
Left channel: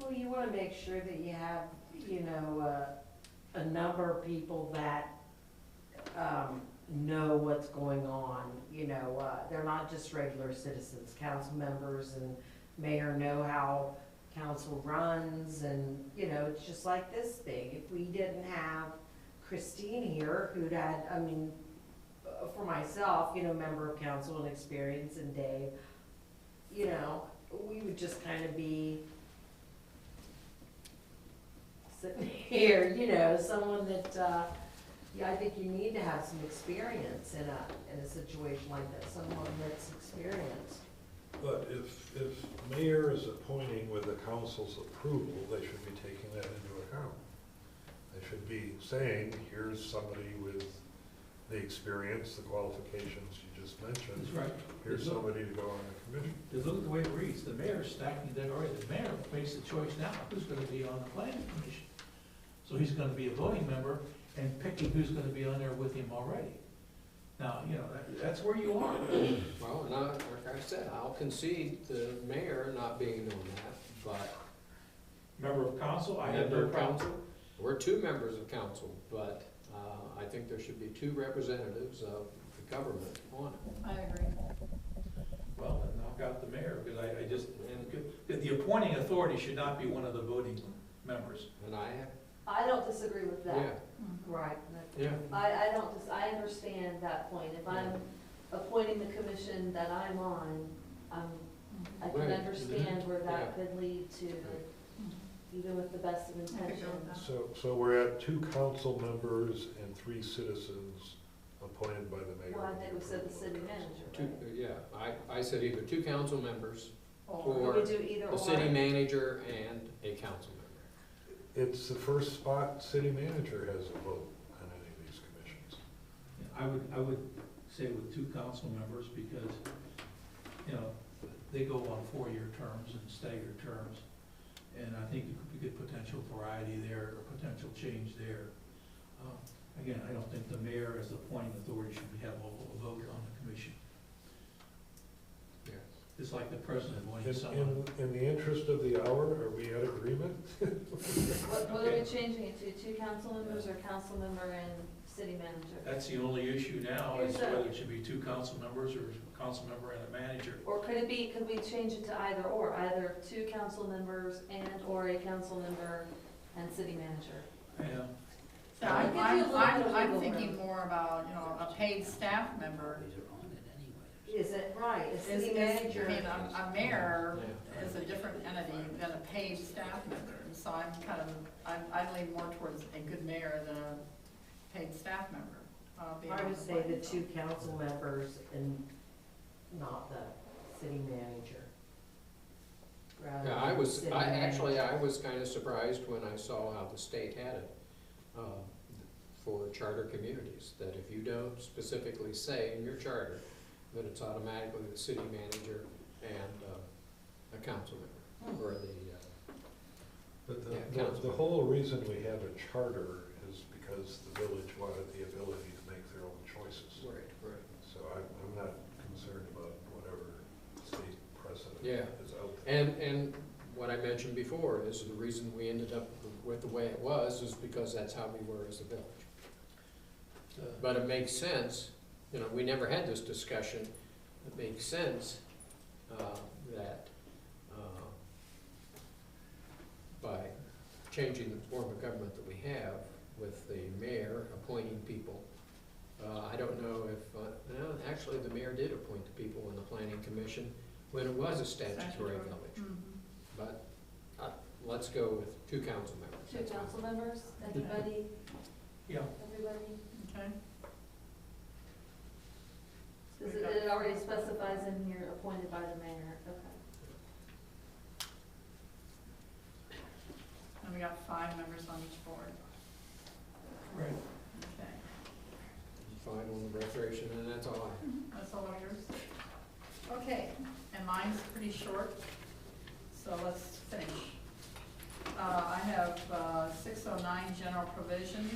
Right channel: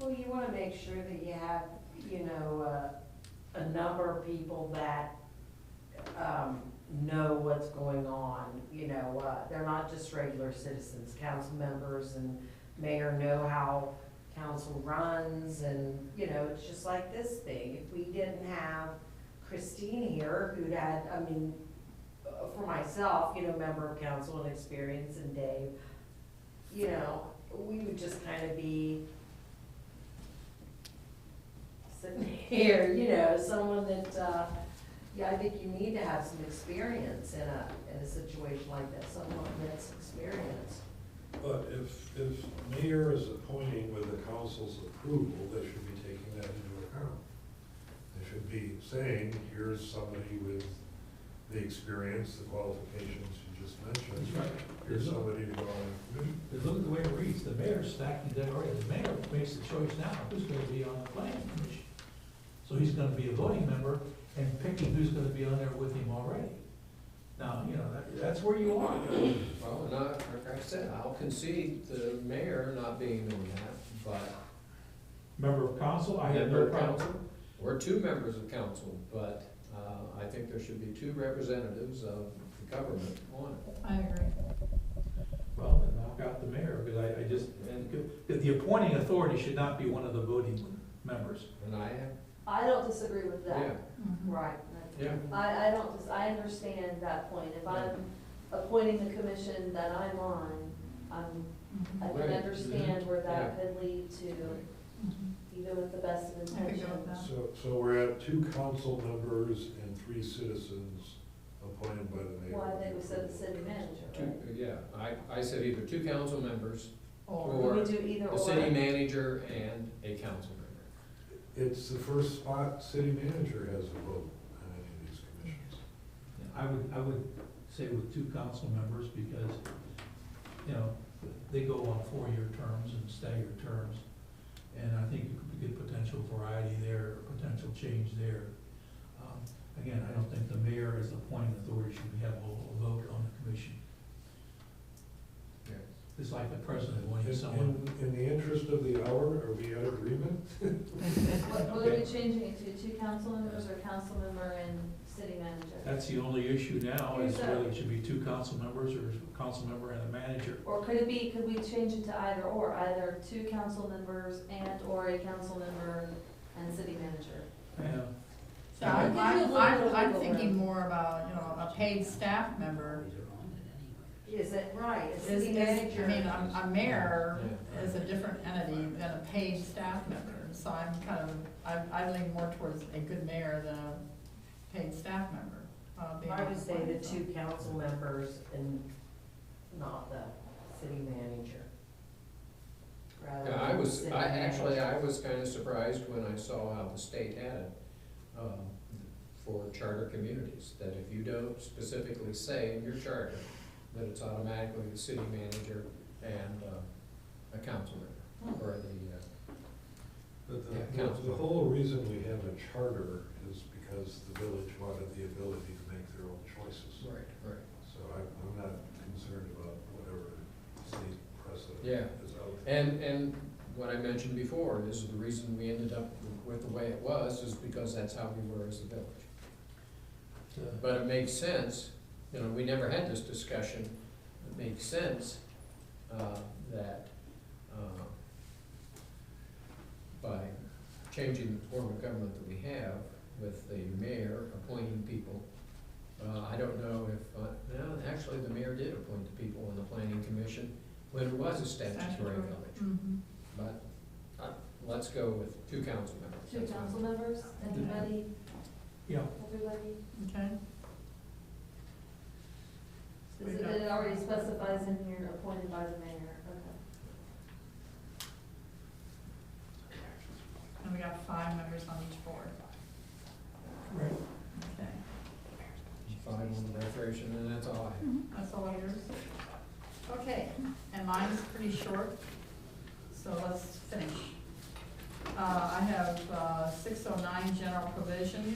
Well, you wanna make sure that you have, you know, a number of people that, know what's going on, you know, they're not just regular citizens, council members and mayor know how council runs, and, you know, it's just like this thing. If we didn't have Christine here, who'd had, I mean, for myself, you know, member of council and experience, and Dave, you know, we would just kind of be sitting here, you know, someone that, yeah, I think you need to have some experience in a situation like that, someone that's experienced. But if mayor is appointing with the council's approval, they should be taking that into account. They should be saying, here's somebody with the experience, the qualifications you just mentioned. That's right. Here's somebody to go on the commission. Because look at the way it reads, the mayor's stacking the deck already, the mayor makes the choice now, who's gonna be on the planning commission. So he's gonna be a voting member and picking who's gonna be on there with him already. Now, you know, that's where you are. Well, and like I said, I'll concede the mayor not being on that, but Member of council, I have no member of problem. council, we're 2 members of council, but I think there should be 2 representatives of the government on it. I agree. Well, then knock out the mayor, because I just, and the appointing authority should not be one of the voting members. And I have, I don't disagree with that. yeah, Mhm. Right. yeah. I don't, I understand that point. If I'm appointing the commission that I'm on, I Mhm. can Right. understand where that Yeah. could lead to, Mhm. even with the best of I could go with intentions. that. So we're at 2 council members and 3 citizens appointed by the mayor. Well, I think we said the with city approval of manager, council. Two, yeah, I said either 2 council members, Or, Or We could do either the or. city manager and a council member. It's the first spot city manager has a vote on any of these commissions. I would say with 2 council members, because, you know, they go on 4-year terms and staggered terms. And I think you could get potential variety there, or potential change there. Again, I don't think the mayor as the appointing authority should have a vote on the commission. Yeah. It's like the president wanting someone. In the interest of the hour, are we at agreement? What are we changing it to, 2 council members or council member and city manager? That's the only issue now, is Here's the- whether it should be 2 council members or a council member and a manager. Or could it be, could we change it to either 2 council members and or a council member and city manager? Yeah. so I'll give you a little bit of I'm wiggle thinking room. more about, you know, a paid staff member. These are on it anyway. Is it right, a Is, city I manager? mean, a mayor Yeah. is a different entity than a paid staff member. So I'm kind of, I lean more towards a good mayor than a paid staff member. Being I on would the say the planning 2 council members and not the city manager. Rather Yeah, than the city actually, manager. I was kind of surprised when I saw how the state had it for charter communities, that if you don't specifically say in your charter that it's automatically the city manager and a council member, or But Yeah, the council. whole reason we have a charter is because the village wanted the ability to make their own choices. Right. So I'm not concerned about whatever state precedent Yeah. is out there. And what I mentioned before is the reason we ended up with the way it was is because that's how we were as a village. But it makes sense, you know, we never had this discussion, it makes sense, that, by changing the form of government that we have with the mayor appointing people, I don't know if, no, actually, the mayor did appoint the people in the planning commission when it was a statutory village. Mhm. But, let's go with 2 council members. 2 That's fine. council members, anybody, Yeah, everybody? Okay, Is it, it already specifies in here appointed by the mayor, okay. and we got 5 members on each board. right. Okay, 5 on the recreation, and that's all I have. that's all of yours? Okay, and mine's pretty short, so let's finish. I have 609 general provisions.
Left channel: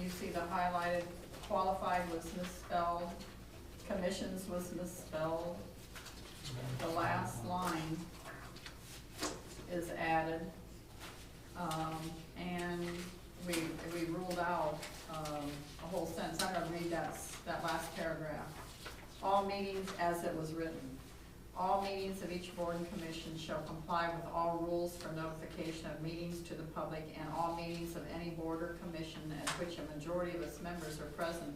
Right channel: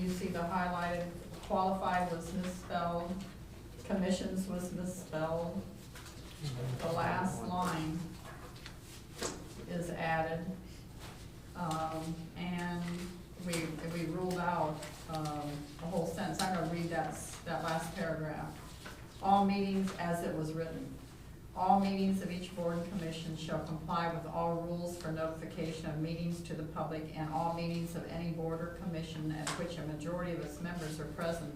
You see the highlighted qualified was misspelled, commissions was misspelled. The last line is added. And we ruled out a whole sentence. I'm gonna read that last paragraph. All meetings as it was written. All meetings of each board and commission shall comply with all rules for notification of meetings to the public, and all meetings of any board or commission at which a majority of its members are present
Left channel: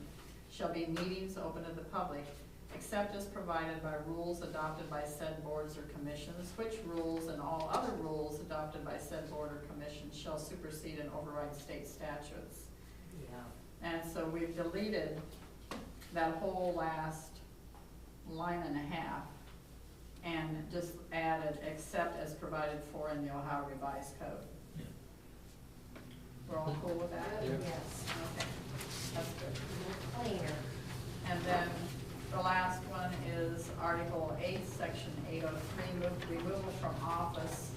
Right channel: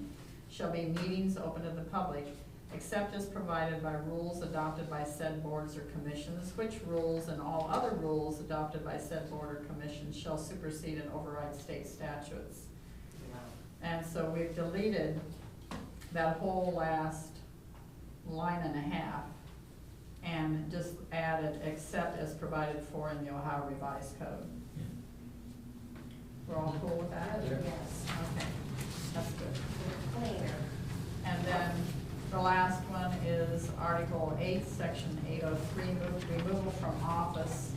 shall be meetings open to the public, except as provided by rules adopted by said boards or commissions, which rules and all other rules adopted by said board or commission shall supersede and override state statutes. Yeah. And so we've deleted that whole last line and a half and just added except as provided for in the Ohio Revised Code. We're all cool with that? Yeah. Yes. Okay, that's good. Cleaner. And then the last one is Article 8, Section 803, removal from office.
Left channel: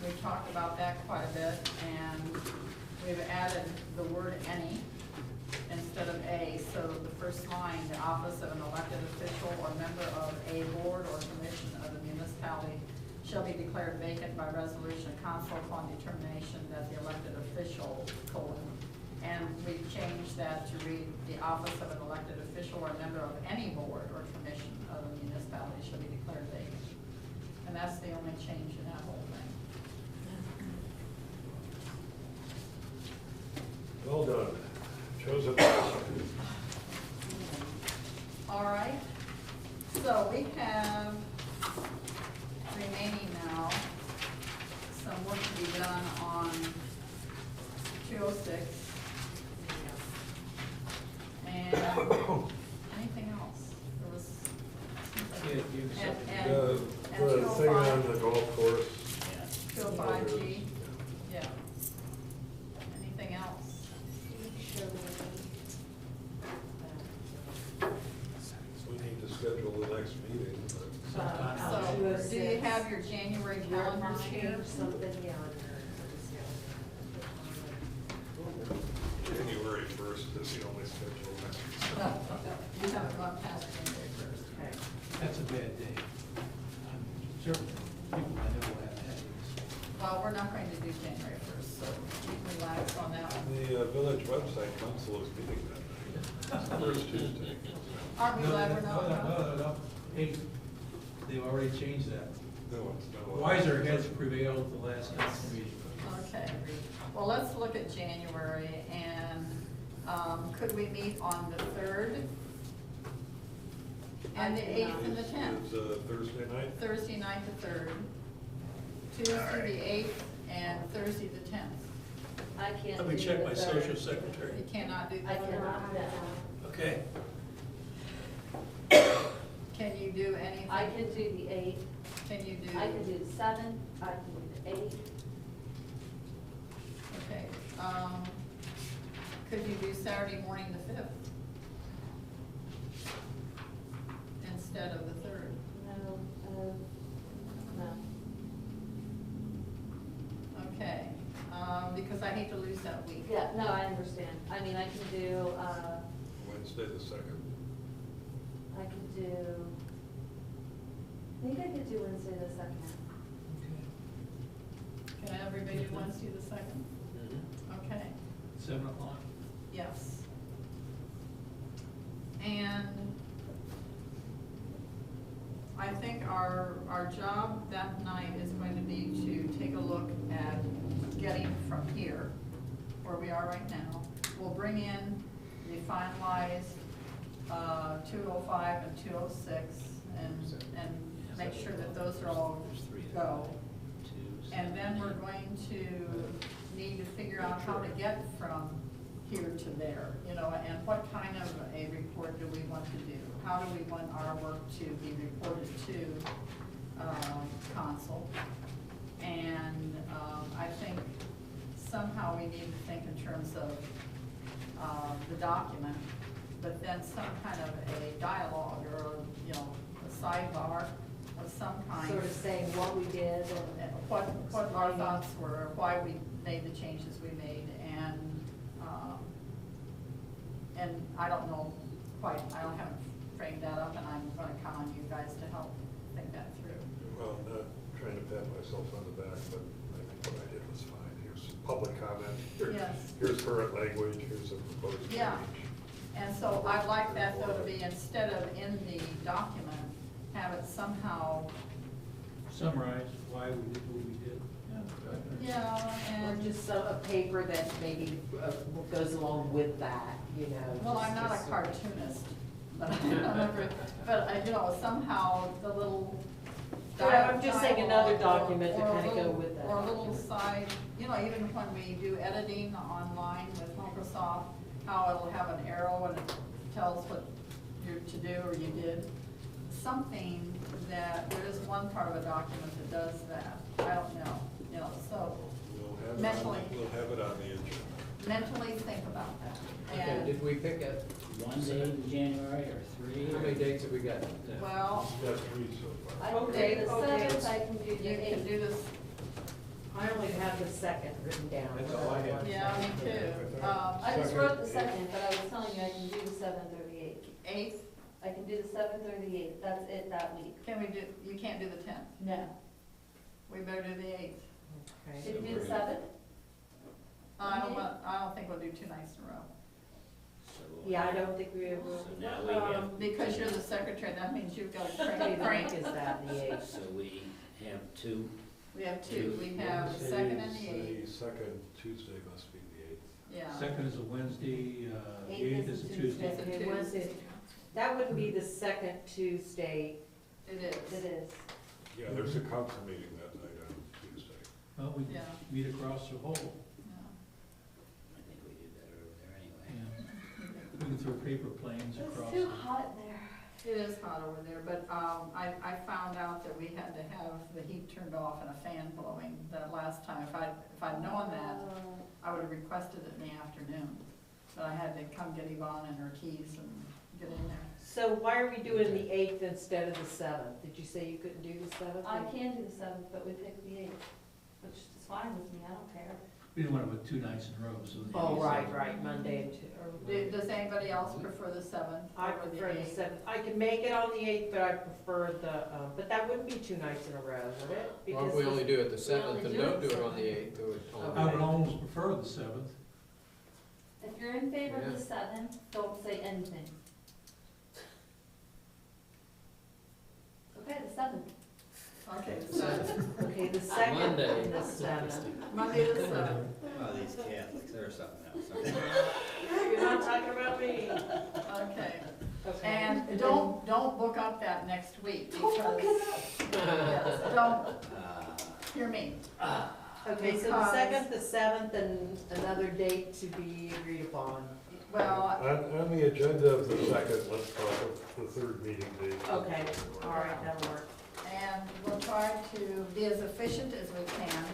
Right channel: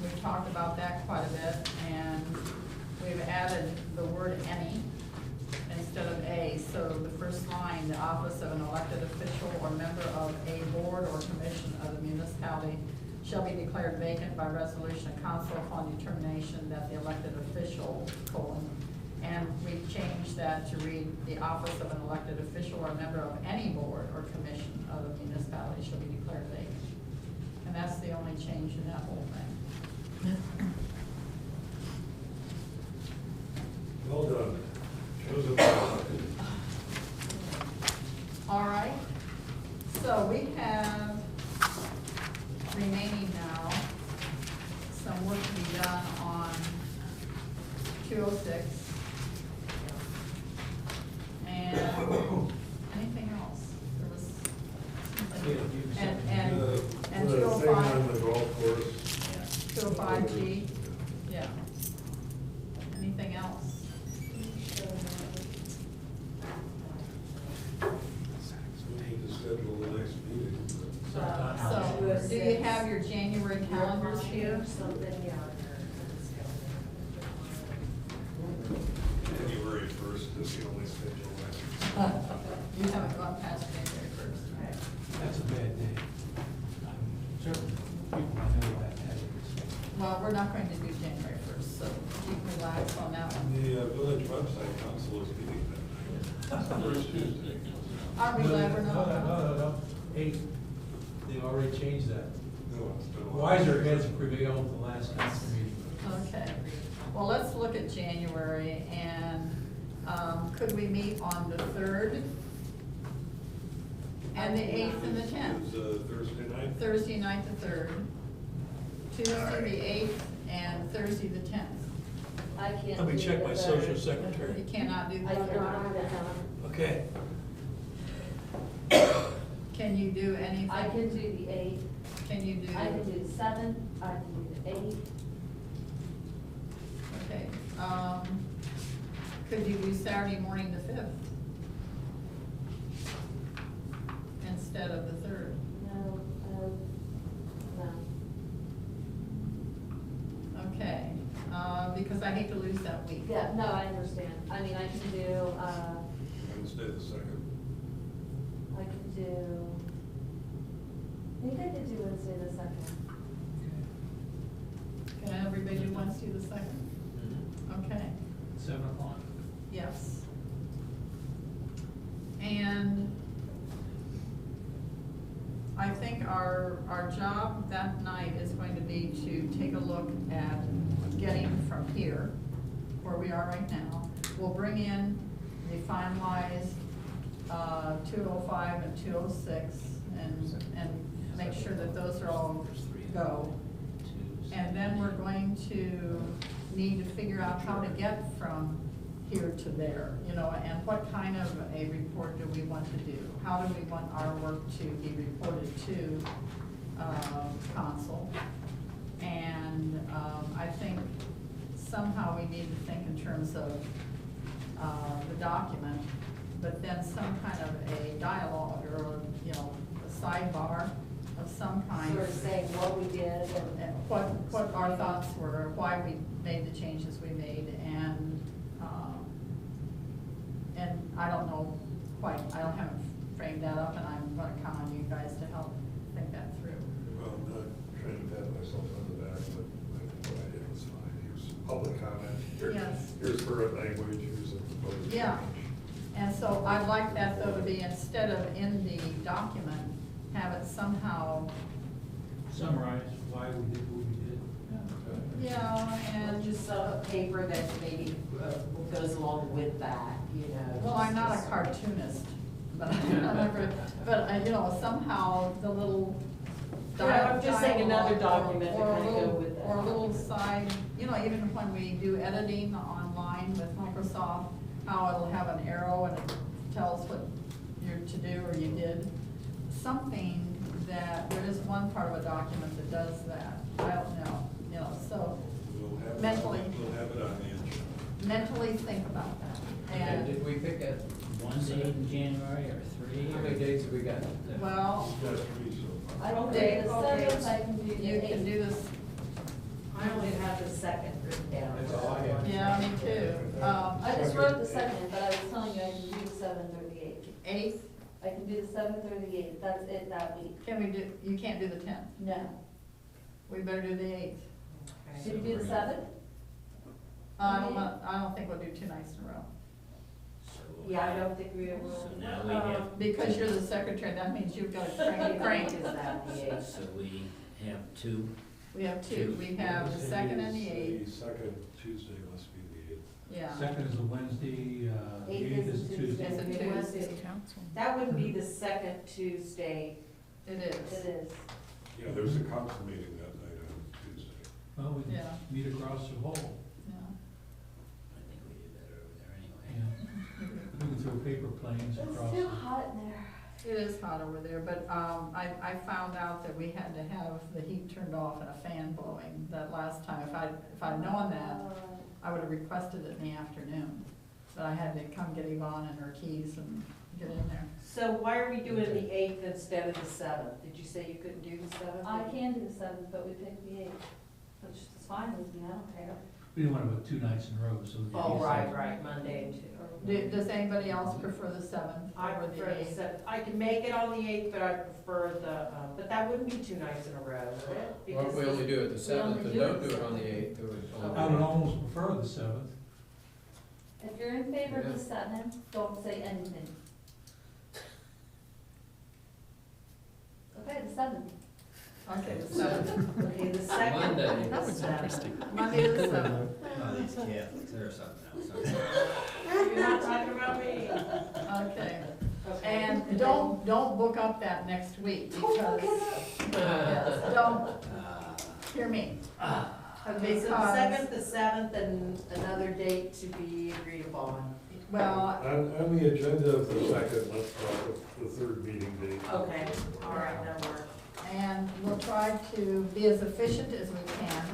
We talked about that quite a bit, and we've added the word any instead of a. So the first line, the office of an elected official or member of a board or commission of the municipality shall be declared vacant by resolution of council upon determination that the elected official, and we changed that to read, the office of an elected official or member of any board or commission of the municipality shall be declared vacant. And that's the only change in that whole thing. Well done. Chosen well. All right, so we have remaining now some work to be done on 206. And anything else? There was Yeah, something. you And The thing 205. on the golf course. 205G, yeah. Anything else? We need to schedule the next meeting. Sometime. So, do you have your January calendars here? Something, yeah. January 1st is the only schedule left. You haven't gone past January 1st. That's a bad day. I'm certain people I know have had it. Well, we're not going to do January 1st, so keep relaxed on that one. The village website council is meeting that night. First Tuesday. Aren't we glad we're not? No. Hey, they already changed that. No, it's been a while. Wiser heads prevailed the last council meeting. Okay, well, let's look at January, and could we meet on the 3rd? And the 8th and the 10th? Is Thursday night? Thursday night the 3rd, Tuesday the 8th, and Thursday the 10th. I can't Let me do check the my third. social secretary. You cannot do I the 3rd. cannot do that. Okay. Can you do anything? I can do the 8th, Can you do? I can do the 7th, I can do the 8th. Okay, could you do Saturday morning the 5th? Instead of the 3rd? No, no. Okay, because I hate to lose that week. Yeah, no, I understand. I mean, I can do, Wednesday the 2nd. I can do think I could do Wednesday the second. Can everybody do Wednesday the 2nd? Okay, 7 o'clock? yes. And I think our job that night is going to be to take a look at getting from here, where we are right now. We'll bring in the finalized 205 and 206 and make sure that those are all go. And then we're going to need to figure out how to get from here to there, you know, and what kind of a report do we want to do? How do we want our work to be reported to council? And I think somehow we need to think in terms of the document, but then some kind of a dialogue or, you know, a sidebar of some kind. Sort of saying what we did And what our thoughts were, why we made the changes we made, and I don't know quite, I haven't framed that up, and I'm gonna count on you guys to help think that through. Well, I'm not trying to pat myself on the back, but I think what I did was fine. Here's public comment, Yes. here's current language, here's a proposed change. Yeah. And so I'd like that though to be, instead of in the document, have it somehow, Summarize why we did what we did. yeah, and and just a paper that maybe goes along with that, you know. well, I'm not a just- cartoonist, but you know, somehow the little. Yeah, I'm just saying another dialogue document to or a kinda go little- with that. Or a little side, you know, even when we do editing online with Microsoft, how it'll have an arrow and it tells what you're to do or you did. Something that, there is one part of a document that does that, I don't know, you know, so We'll have it on- mentally. We'll have it on the agenda. mentally think about that. Okay, And, did we pick a, One date in January or 3? how many dates have we got? well, We've got 3 so far. I can Okay, do the okay. 7th, I can do the you can 8th. do this, I only have the second written down. That's all I had. yeah, me too. I just wrote the 2nd, but I was telling you I can do the 7th or the 8th. 8th, I can do the 7th or the 8th, that's it that week. can we do, you can't do the 10th, No. we better do the 8th. Okay. Did you do the 7th? I don't think we'll do 2 nights in a row. Yeah, I don't think we ever. So now we have. Because you're the secretary, that means you've got to Frank crank. is that the eighth. So we have 2. We have 2, we have the 2nd and the 8th, The second Tuesday must be the 8th. yeah. 2nd is a Wednesday, the 8th 8th is a Tuesday. It's a Okay, Tuesday. Wednesday. That wouldn't be the second Tuesday. It It is, is. Yeah, there's a council meeting that night on Tuesday. Well, we can Yeah. meet across the hall, yeah. I think we do better over there yeah. anyway. We can throw paper planes It's across. too hot in there. It is hot over there, but, I found out that we had to have the heat turned off and a fan blowing that last time. If I'd known that, I would have requested it in the afternoon. But I had to come get Yvonne and her keys and get in there. So why are we doing the 8th instead of the 7th? Did you say you couldn't do the 7th? I can do the 7th, but we picked the 8th, which is fine with me, I don't care. We didn't want to put 2 nights in a row, so. Oh, right, Monday and Tuesday. Does anybody else prefer the 7th I over the prefer the 8th? 7th. I can make it on the 8th, but I prefer the, but that wouldn't be 2 nights in a row, would it? Well, Because we only do it the We 7th only and do don't it do it on the 7th. 8th. do it on the I would 8th. almost prefer the 7th. If you're in favor of Yeah. the 7th, don't say anything. Okay, the 7th. Okay, the 7th. Okay, the 2nd. Monday. The 7th. Monday the 7th. Oh, these Catholics, they're something else. You're not talking about me. Okay. Okay. And don't book up that next week because, yes, don't, hear me. Okay, so the Because- 2nd, the 7th, and another date to be agreed upon. Well, On the agenda of the 2nd, let's talk of the 3rd meeting date. Okay, all right, that'll work. and we'll try to be as efficient as we can.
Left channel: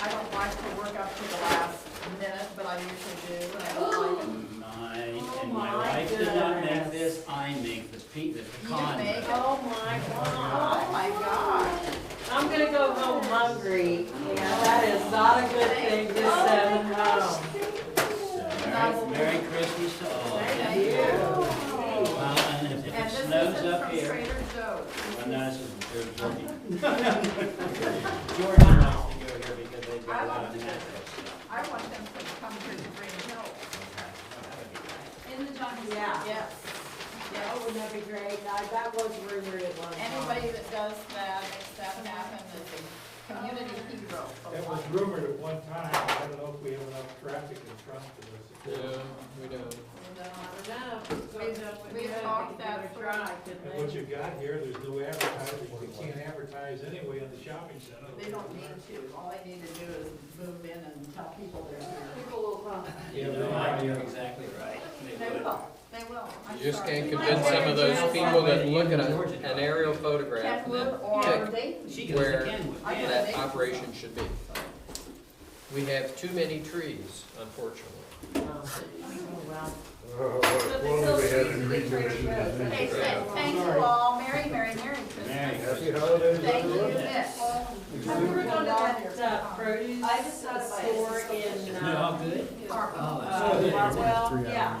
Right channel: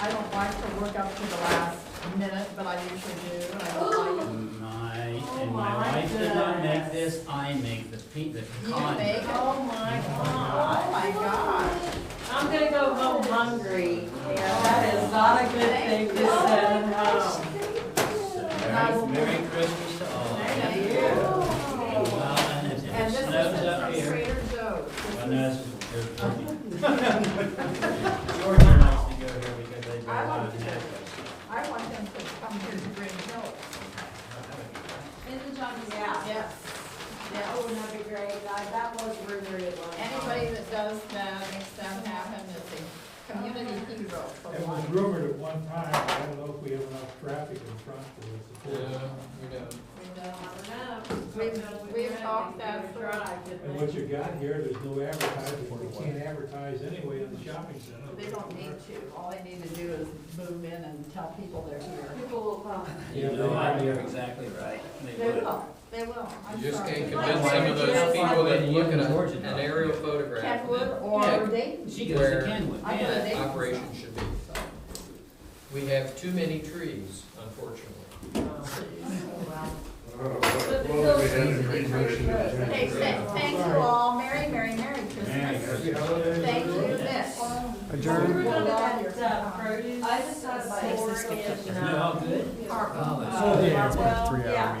I don't like to work up to the last minute, but I usually do, and I don't like it. And my my wife did not make goodness. this, I make the You con. make it? Oh, my Oh, God. my gosh. I'm gonna go home hungry. Yeah, that is not a good thing to send home. So Merry Christmas to all. Thank you. Well, and if And it this snows is up from here, Trader Joe's. well, no, this is You're joking. Georgia likes to go here because they've got I a lot want of to- naturals. I want them to come here to Greenhills. In the Johnson. Yeah. Yes, Oh, yes. wouldn't that be great? That was rumored at one time. Anybody that does that, makes that happen, is a community hero for It was life. rumored at one time, I don't know if we have enough traffic in front of us. Yeah, we don't. I don't know. We've talked that for- And what you got here, there's no advertising, we can't advertise anyway in the shopping center. They don't need to, all they need to do is move in and tell people they're here. People will come. Yeah, No, but- you're exactly right. They will, I'm You just sorry. can't convince some of those people that look at an aerial photograph and Kenwood then or pick Dayton. She goes where to Kenwood, I go to yeah. that operation should be. We have too many trees, unfortunately. What do we have in Green Commission? Okay, thank you all, Merry Christmas. Happy holidays. Thank you, Mitch. We were gonna get, produce. I just got a store in, Isn't it all good? Harper. Oh, well, yeah,